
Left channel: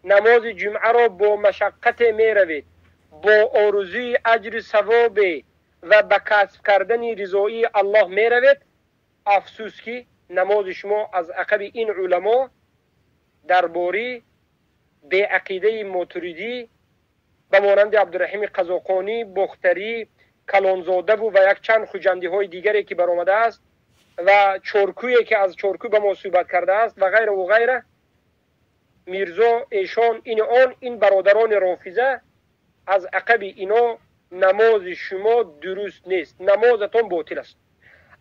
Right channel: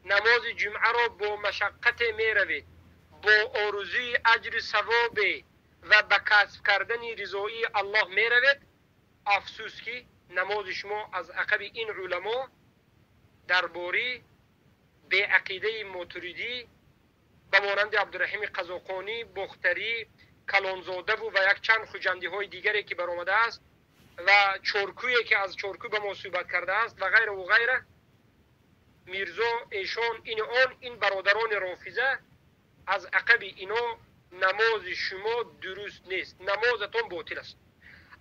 نماز جمعه را با مشقت می روید، با آرزوی اجر ثواب و به کسب کردن رضایی الله می روید. افسوس که نماز شما از عقب این علما درباره به عقیده ماتریدی به مانند عبدالرحیم قزاقانی، بختری، کلانزاده و یک چند خوجندی های دیگری که برآمده است و چارکویی که از چارکو به ما صحبت کرده است و غیره و غیره، میرزا ایشان این برادران رافضه از عقب اینا نماز شما درست نیست، نمازتان باطل است.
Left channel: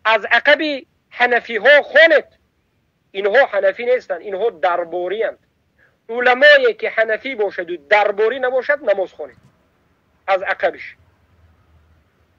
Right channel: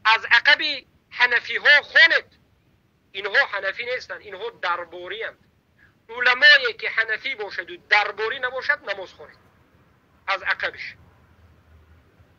از عقب حنفی ها خوانید، اینها حنفی نیستند، اینها درباری اند. علمایی که حنفی باشد و درباری نباشد نماز خوانید از عقبش.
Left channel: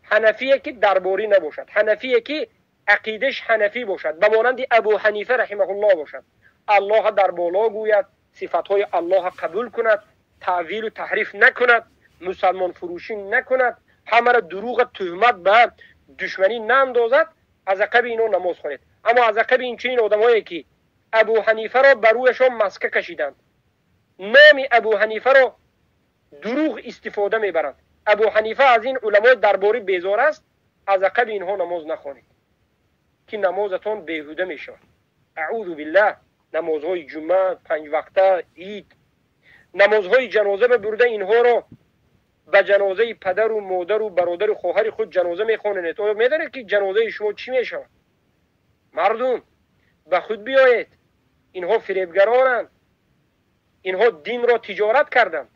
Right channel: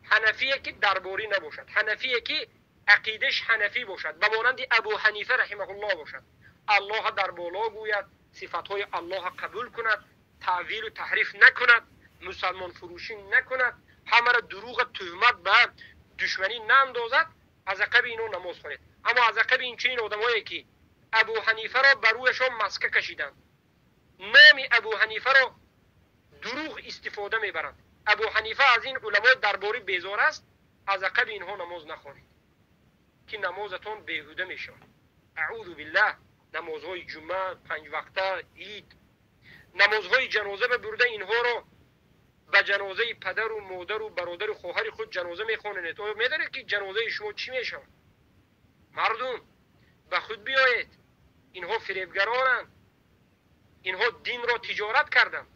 حنفی که درباری نباشد، حنفی که عقیدش حنفی باشد، به مانند ابو حنیفه رحمه الله باشد، الله در بالا گوید، صفاتهای الله قبول کند، تعویل و تحریف نکند، مسلمان فروشی نکند، همه را دروغ تهمت به دشمنی ناندازد، از عقب اینو نماز خوانید. اما از عقب این چنین آدمایی که ابو حنیفه را بر رویشان مسکه کشیدند، نام ابو حنیفه را دروغ استفاده میبرند، ابو حنیفه از این علمای درباری بیزار است، از عقب اینها نماز نخوانید که نمازتان بیهوده میشود. اعوذ بالله. نمازهای جمعه، 5 وقته، عید، نمازهای جنازه ببرده اینها را به جنازه پدر و مادر و برادر و خواهر خود جنازه میخوانید. تو میدونید که جنازه شما چی میشود؟ مردم به خود بیایید، اینها فریبگرانند، اینها دین را تجارت کردند.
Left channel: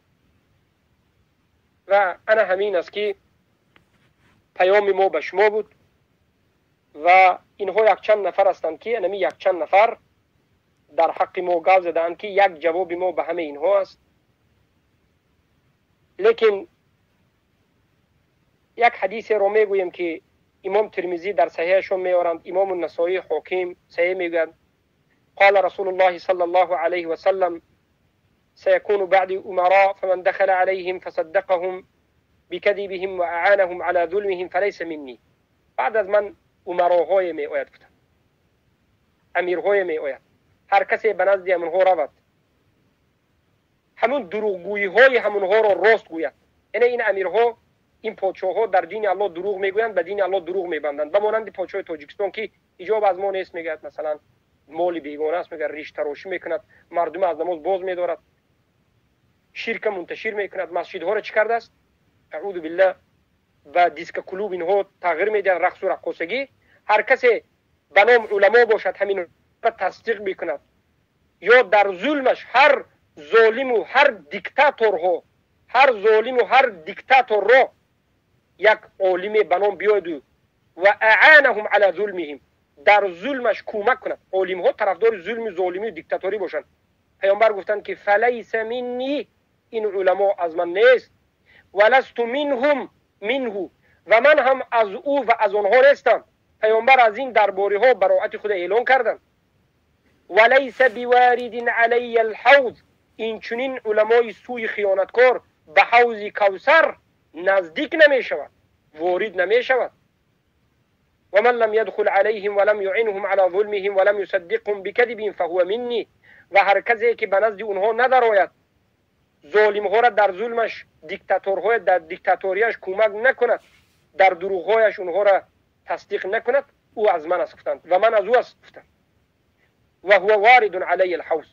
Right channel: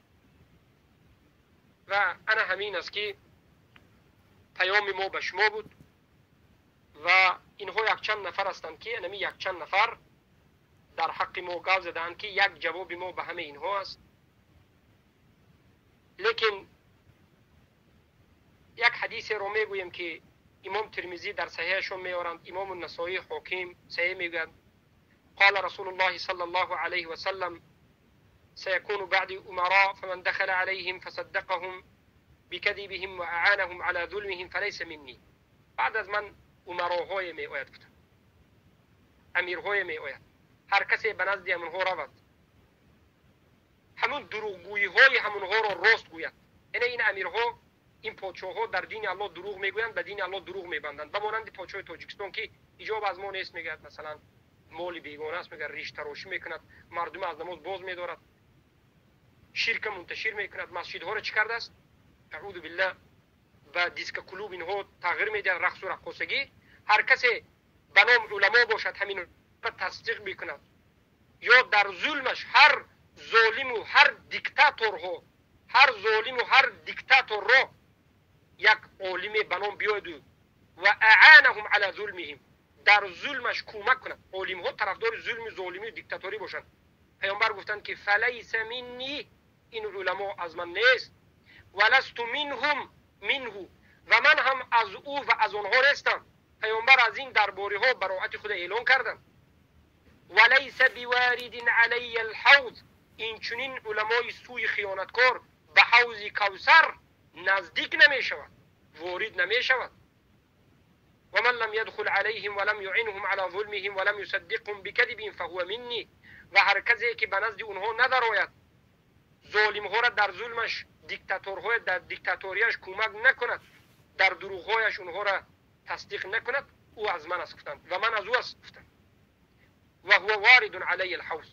و انا همین است که پیام ما به شما بود و اینها یک چند نفر هستند که یک چند نفر در حق ما گاو زدند که یک جواب ما به همه اینها است. لیکن یک حدیث رو میگویم که امام ترمذی در صحیحشون میارند، امام النسائی حاکم صحیح میگویند قال رسول الله صلی الله علیه و سلم سيكون بعد أمراء فمن دخل عليهم فصدقهم بكذبهم وأعانهم على ظلمهم فليس مني. بعد از من امراهای می آید گفتند، امیرهای می آید، هر کسی به نزد همونها رود همون دروغگویی های همونها را راست گوید. یعنی این امیرها، این پادشاه ها در دین الله دروغ میگویند، به دین الله دروغ میبندند. به مانند پادشاه تاجیکستان که ایجاب از ما نیست، میگه مثلا مال بیگانه است، میگه ریش تراشی میکند، مردم از نماز باز میدارد، شرک منتشر میکند، مسجدها را چی کرده است؟ اعوذ بالله و دیسک کلوب اینها تغییر میده، رقص و رقاصگی. هر کسی به نام علما باشد همین را تصدیق میکند. یا در ظلمش هر ظالم و هر دیکتاتور را یک عالم به نام بیاید و اعانهم علی ظلمهم، در ظلمش کمک کند. عالم ها طرفدار ظلم، ظالمی و دیکتاتوری باشند. پیامبر گفتند که فلیس منی، این علما از من نیست، ولست منهم منه، و من هم از او و از آنها نیستم. پیامبر از این درباره ها براءت خود اعلان کردند. ولیس بوارد علی الحوض، این چنین علمای سوی خیانتکار به حوض کوثر نزدیک نمی شود، وارد نمی شود. و من لم يدخل عليهم ولم يعنهم على ظلمهم ولم يصدقهم بكذبهم فهو مني، و هر کسی که به نزد اونها ندراید، ظالم ها را در ظلمش، دیکتاتورهای در دیکتاتوریش کمک نکند، در دروغهایش اونها را تصدیق نکند، او از من است گفتند و من از او است گفتند. و هو وارد علی الحوض،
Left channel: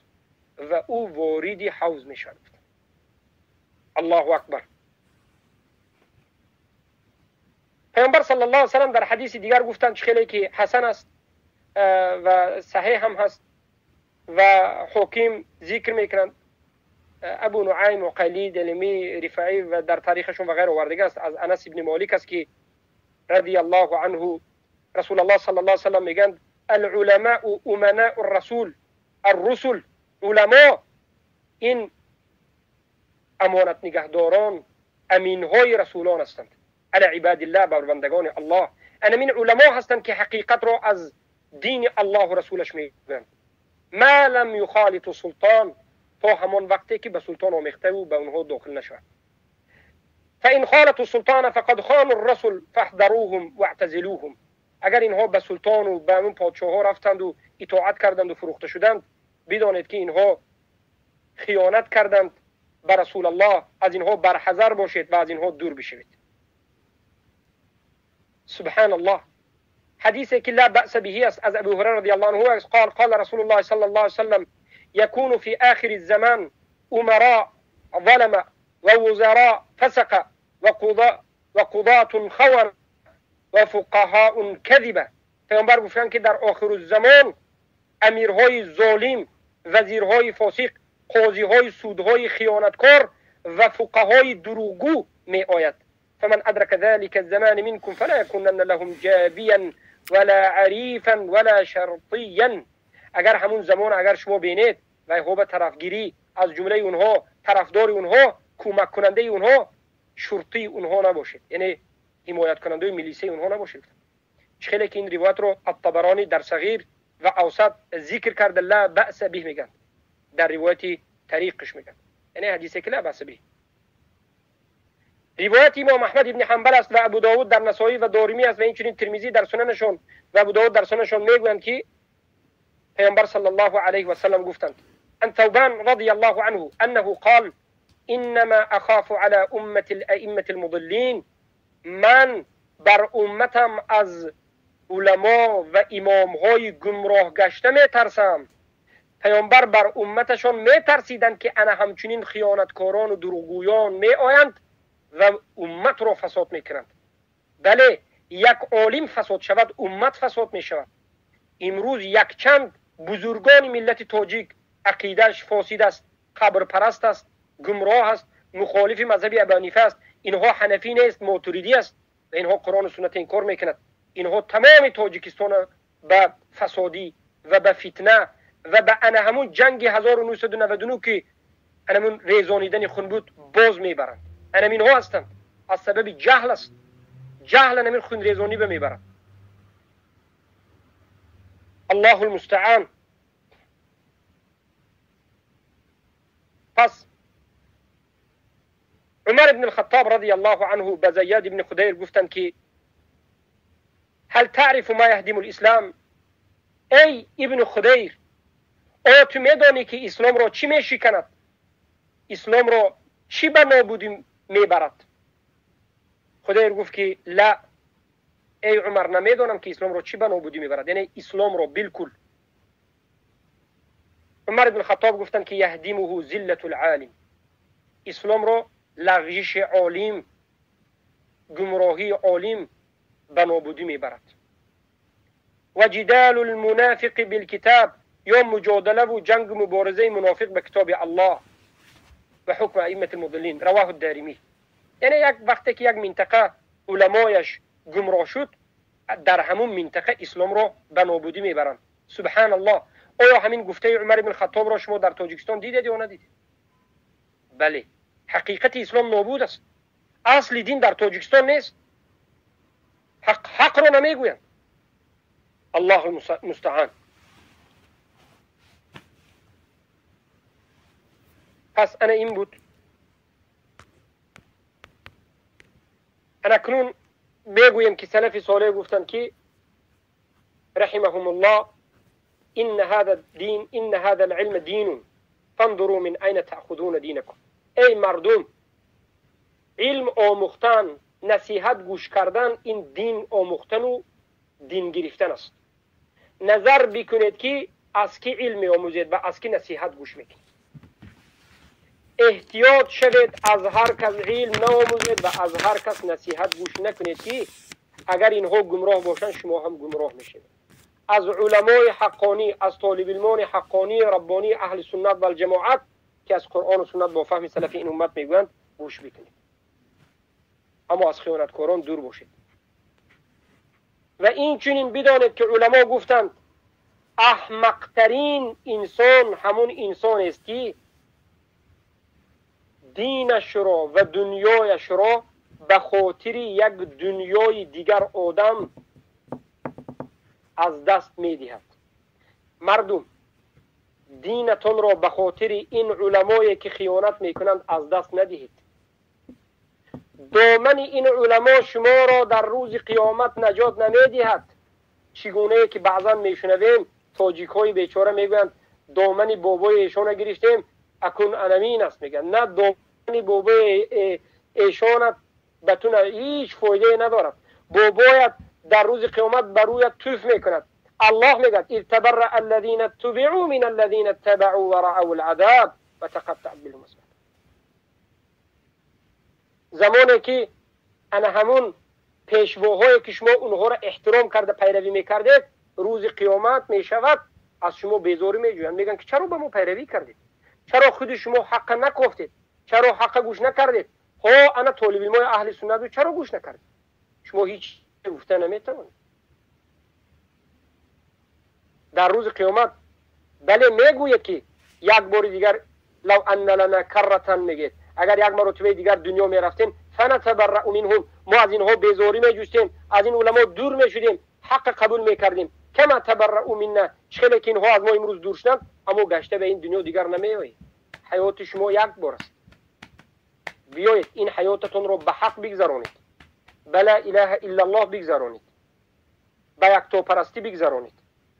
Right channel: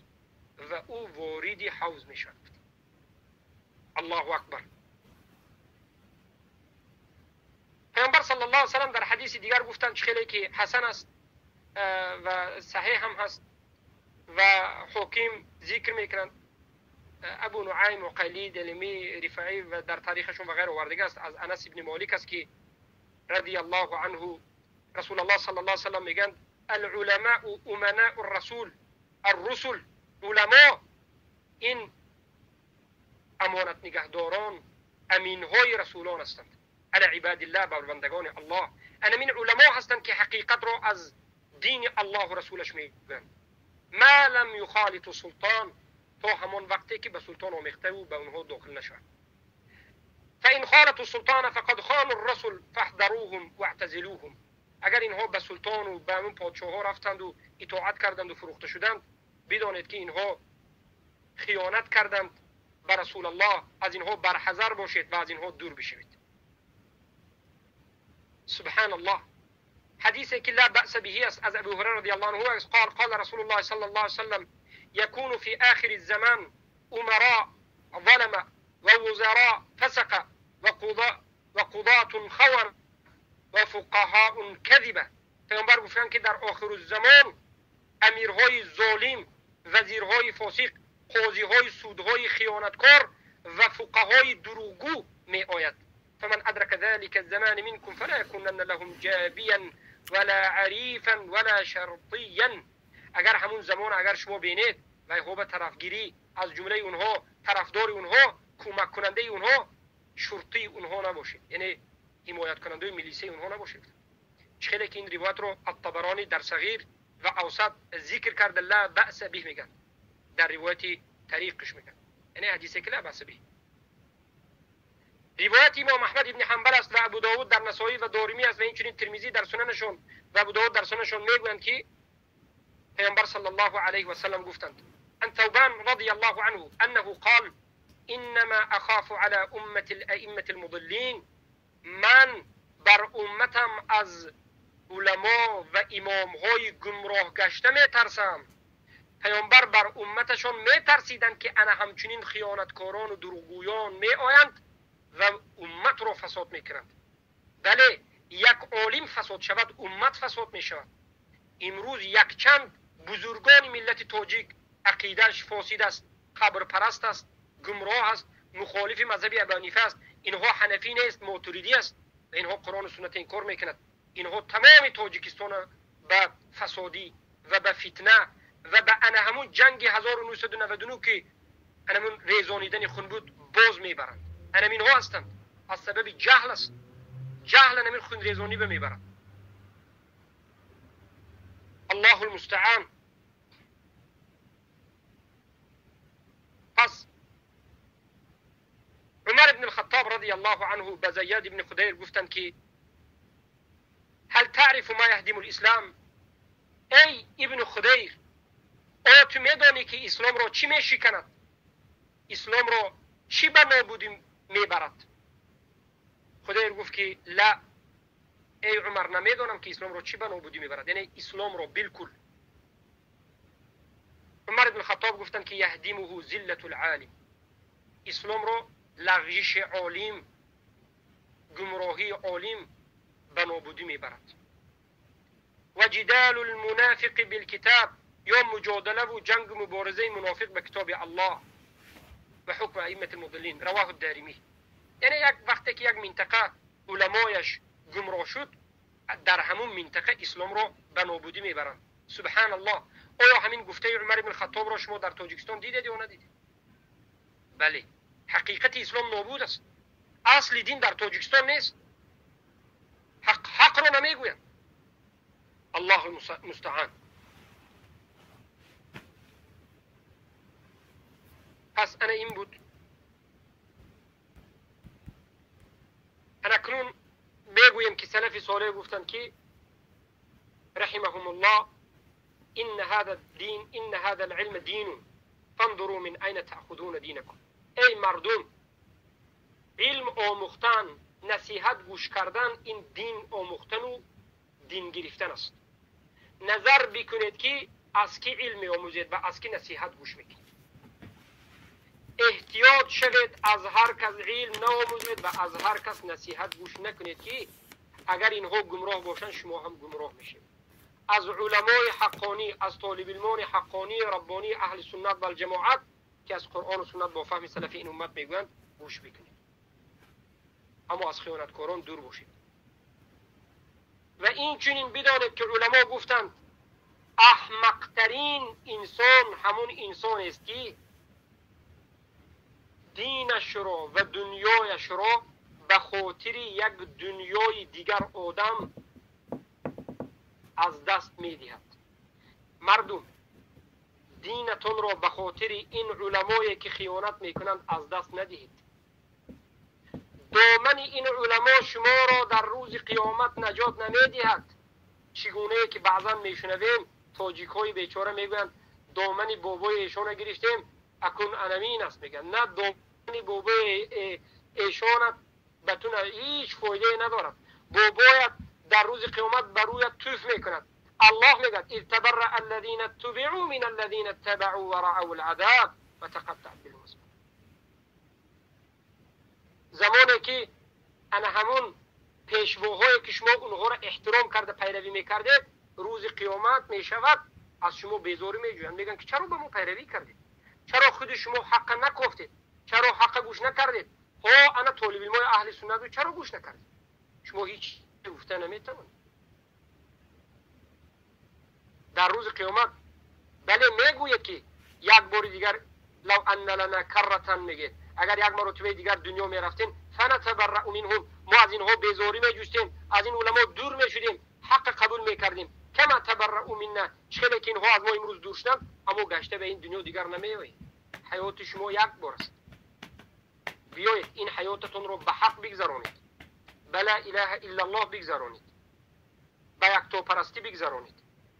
و او وارد حوض می شود. الله اکبر. پیامبر صلی الله علیه و سلم در حدیث دیگر گفتند که خیلی که حسن است و صحیح هم هست و حاکم ذکر میکنند، ابو نعیم و قیلی دلمی رفاعی و در تاریخشون و غیر آوردگی است، از انس ابن مالک است که رضی الله عنه رسول الله صلی الله علیه و سلم میگند العلماء امناء الرسول، الرسل، علما این امانت نگهداران، امینهای رسولان هستند، علی عباد الله، بر بندگان الله. این علما هستند که حقیقت را از دین الله و رسولش میگویند. ما لم یخالط سلطان، تا همان وقتی که به سلطان آمیخته و به اونها داخل نشود. فان خالط السلطان فقد خان الرسول فاحذروهم واعتزلوهم، اگر اینها به سلطان و به اون پادشاه ها رفتند و اطاعت کردند و فروخته شدند، بدانید که اینها خیانت کردند به رسول الله، از اینها برحذر باشید و از اینها دور بشوید. سبحان الله. حدیثی که لا بأس به است از ابو هریره رضی الله عنه قال قال رسول الله صلی الله علیه وسلم يكون في آخر الزمان أمراء ظلم ووزراء فسق وقضاة خون وفقهاء كذبة. پیامبر گفتند که در آخر الزمان امیرهای ظالم، وزیرهای فاسق، قاضیهای سودهای خیانتکار و فقهای دروغگو می آید. فمن ادرك ذلك الزمان منكم فلا يكونن لهم جابيا ولا عريفا ولا شرطيا. اگر همون زمان اگر شما بینید و هو به طرفگیری از جمله اونها، طرفدار اونها، کمک کننده اونها، شرطی اونها نباشید، یعنی حمایت کننده ملیسه اونها نباشید. خیلی که این روایت رو الطبرانی در صغیر و اوسط ذکر کرده، لا بأس به میگن، در روایت طریقش میگن، یعنی حدیثی که لا بأس به. روایت امام احمد ابن حنبل است و ابو داود در نسائی و دارمی است و اینچنین ترمذی در سننشون و ابو داود در سننشون میگویند که پیامبر صلی الله علیه و سلم گفتند عن ثوبان رضی الله عنه انه قال انما اخاف على امه الائمه المضلين، من بر امتم از علما و امامهای گمراه گشته میترسم. پیامبر بر امتشان میترسیدند که انا همچنین خیانتکاران و دروغگویان میآیند و امت را فساد میکنند. بله، یک عالم فساد شود امت فساد میشود. امروز یک چند بزرگان ملت تاجیک عقیدهش فاسد است، قبر پرست است، گمراه است، مخالف مذهب ابی حنیفه است، اینها حنفی نیست، ماتوریدی است و اینها قرآن و سنت انکار میکند. اینها تمام تاجیکستان به فسادی و به فتنه و به انا همون جنگ 1999 که همون ریزانیدن خون بود باز میبرند. همین ها هستند، از سبب جهل است. جهل همین خون ریزانی به میبرند. الله المستعان. پس عمر بن الخطاب رضی الله عنه به زیاد بن خدیر گفتند که هل تعرف ما يهدم الاسلام؟ ای ابن خدیر، آیا تو میدانی که اسلام را چی میشکند؟ اسلام را چی به نابودی میبرد؟ خدیر گفت که لا، ای عمر، نمیدانم که اسلام را چی به نابودی میبرد، یعنی اسلام را بالکل. عمر بن الخطاب گفتند که یهدمه ذلت العالم، اسلام را لغزش عالم، گمراهی عالم به نابودی میبرد. و جدال المنافق بالکتاب، یا مجادله و جنگ مبارزه منافق به کتاب الله و حکم ائمه المضلین. رواه الدارمی. یعنی یک وقتی که یک منطقه علمایش گمراه شد، در همون منطقه اسلام را به نابودی میبرند. سبحان الله. آیا همین گفته عمر بن الخطاب را شما در تاجیکستان دیدید یا ندیدید؟ بله، حقیقت اسلام نابود است. اصل دین در تاجیکستان نیست. حق را نمیگویند. الله المستعان. پس انا این بود. انا کنون بگویم که سلف صالح گفتند که رحمهم الله ان هذا العلم دین فانظروا من اين تأخذون دینکم. ای مردم، علم آموختن، نصیحت گوش کردن، این دین آموختن و دین گرفتن است. نظر بکنید که از کی علم آموزید و از کی نصیحت گوش میکنید. احتیاط شوید از هر کس علم نآموزید و از هر کس نصیحت گوش نکنید که اگر اینها گمراه باشند شما هم گمراه میشید. از علمای حقانی، از طالب علمان حقانی ربانی اهل سنت و الجماعت که از قرآن و سنت با فهم سلف این امت میگویند گوش بکنید، اما از خیانتکاران دور باشید. و این چنین بدانید که علما گفتند احمقترین انسان همون انسان است که دینش را و دنیایش را به خاطر یک دنیای دیگر آدم از دست میدهد. مردم، دینتون را به خاطر این علمایی که خیانت میکنند از دست ندهید. دامن این علما شما را در روز قیامت نجات نمیدهد. چگونه که بعضا میشنویم تاجیک های بیچاره میگویند دامن بابای ایشان گرفتیم اکن انمین است. میگن نه، دامن بابای ایشان بتون هیچ فایده ندارد. بابایت در روز قیامت برویت توف میکند. الله میگه اذ تبرأ الذين اتبعوا من الذين اتبعوا ورأوا العذاب وتقطع بهم الاسباب. زمانی که انا همون پیشواهایی که شما اونها را احترام کرده پیروی میکردید، روز قیامت میشود از شما بیزاری میجویند. میگن که چرا به ما پیروی کردید؟ چرا خود شما حق نگفتید؟ چرا حق گوش نکردید؟ ها انا طالب علم اهل سنت رو چرا گوش نکردید؟ شما هیچ گفته نمیتوانید. در روز قیامت بله میگوید که یک بار دیگر لو ان لنا کرتن، میگید اگر یک مرتبه دیگر دنیا میرفتیم فنتبرأ منهم، ما از اینها بیزاری میجوستیم، از این علما دور میشدیم، حق قبول میکردیم. کما تبرأ منا، چخیلی که اینها از ما امروز دور شدند اما گشته به این دنیا دیگر نمیایید. حیات شما یک بار است. بیایید این حیاتتون رو به حق بگذرانید، بلا اله الا الله بگذرانید، به یکتا پرستی بگذرانید،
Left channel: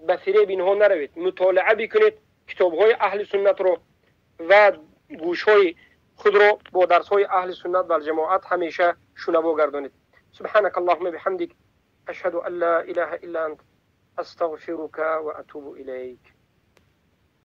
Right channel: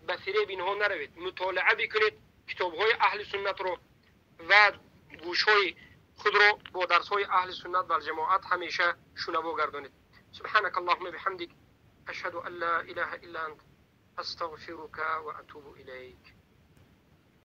به فریب اینها نروید. مطالعه بکنید کتاب‌های اهل سنت رو و گوش‌های خود رو با درس‌های اهل سنت و الجماعت همیشه شنوا گردانید. سبحانك اللهم بحمدك اشهد ان لا اله الا انت استغفرك واتوب اليك.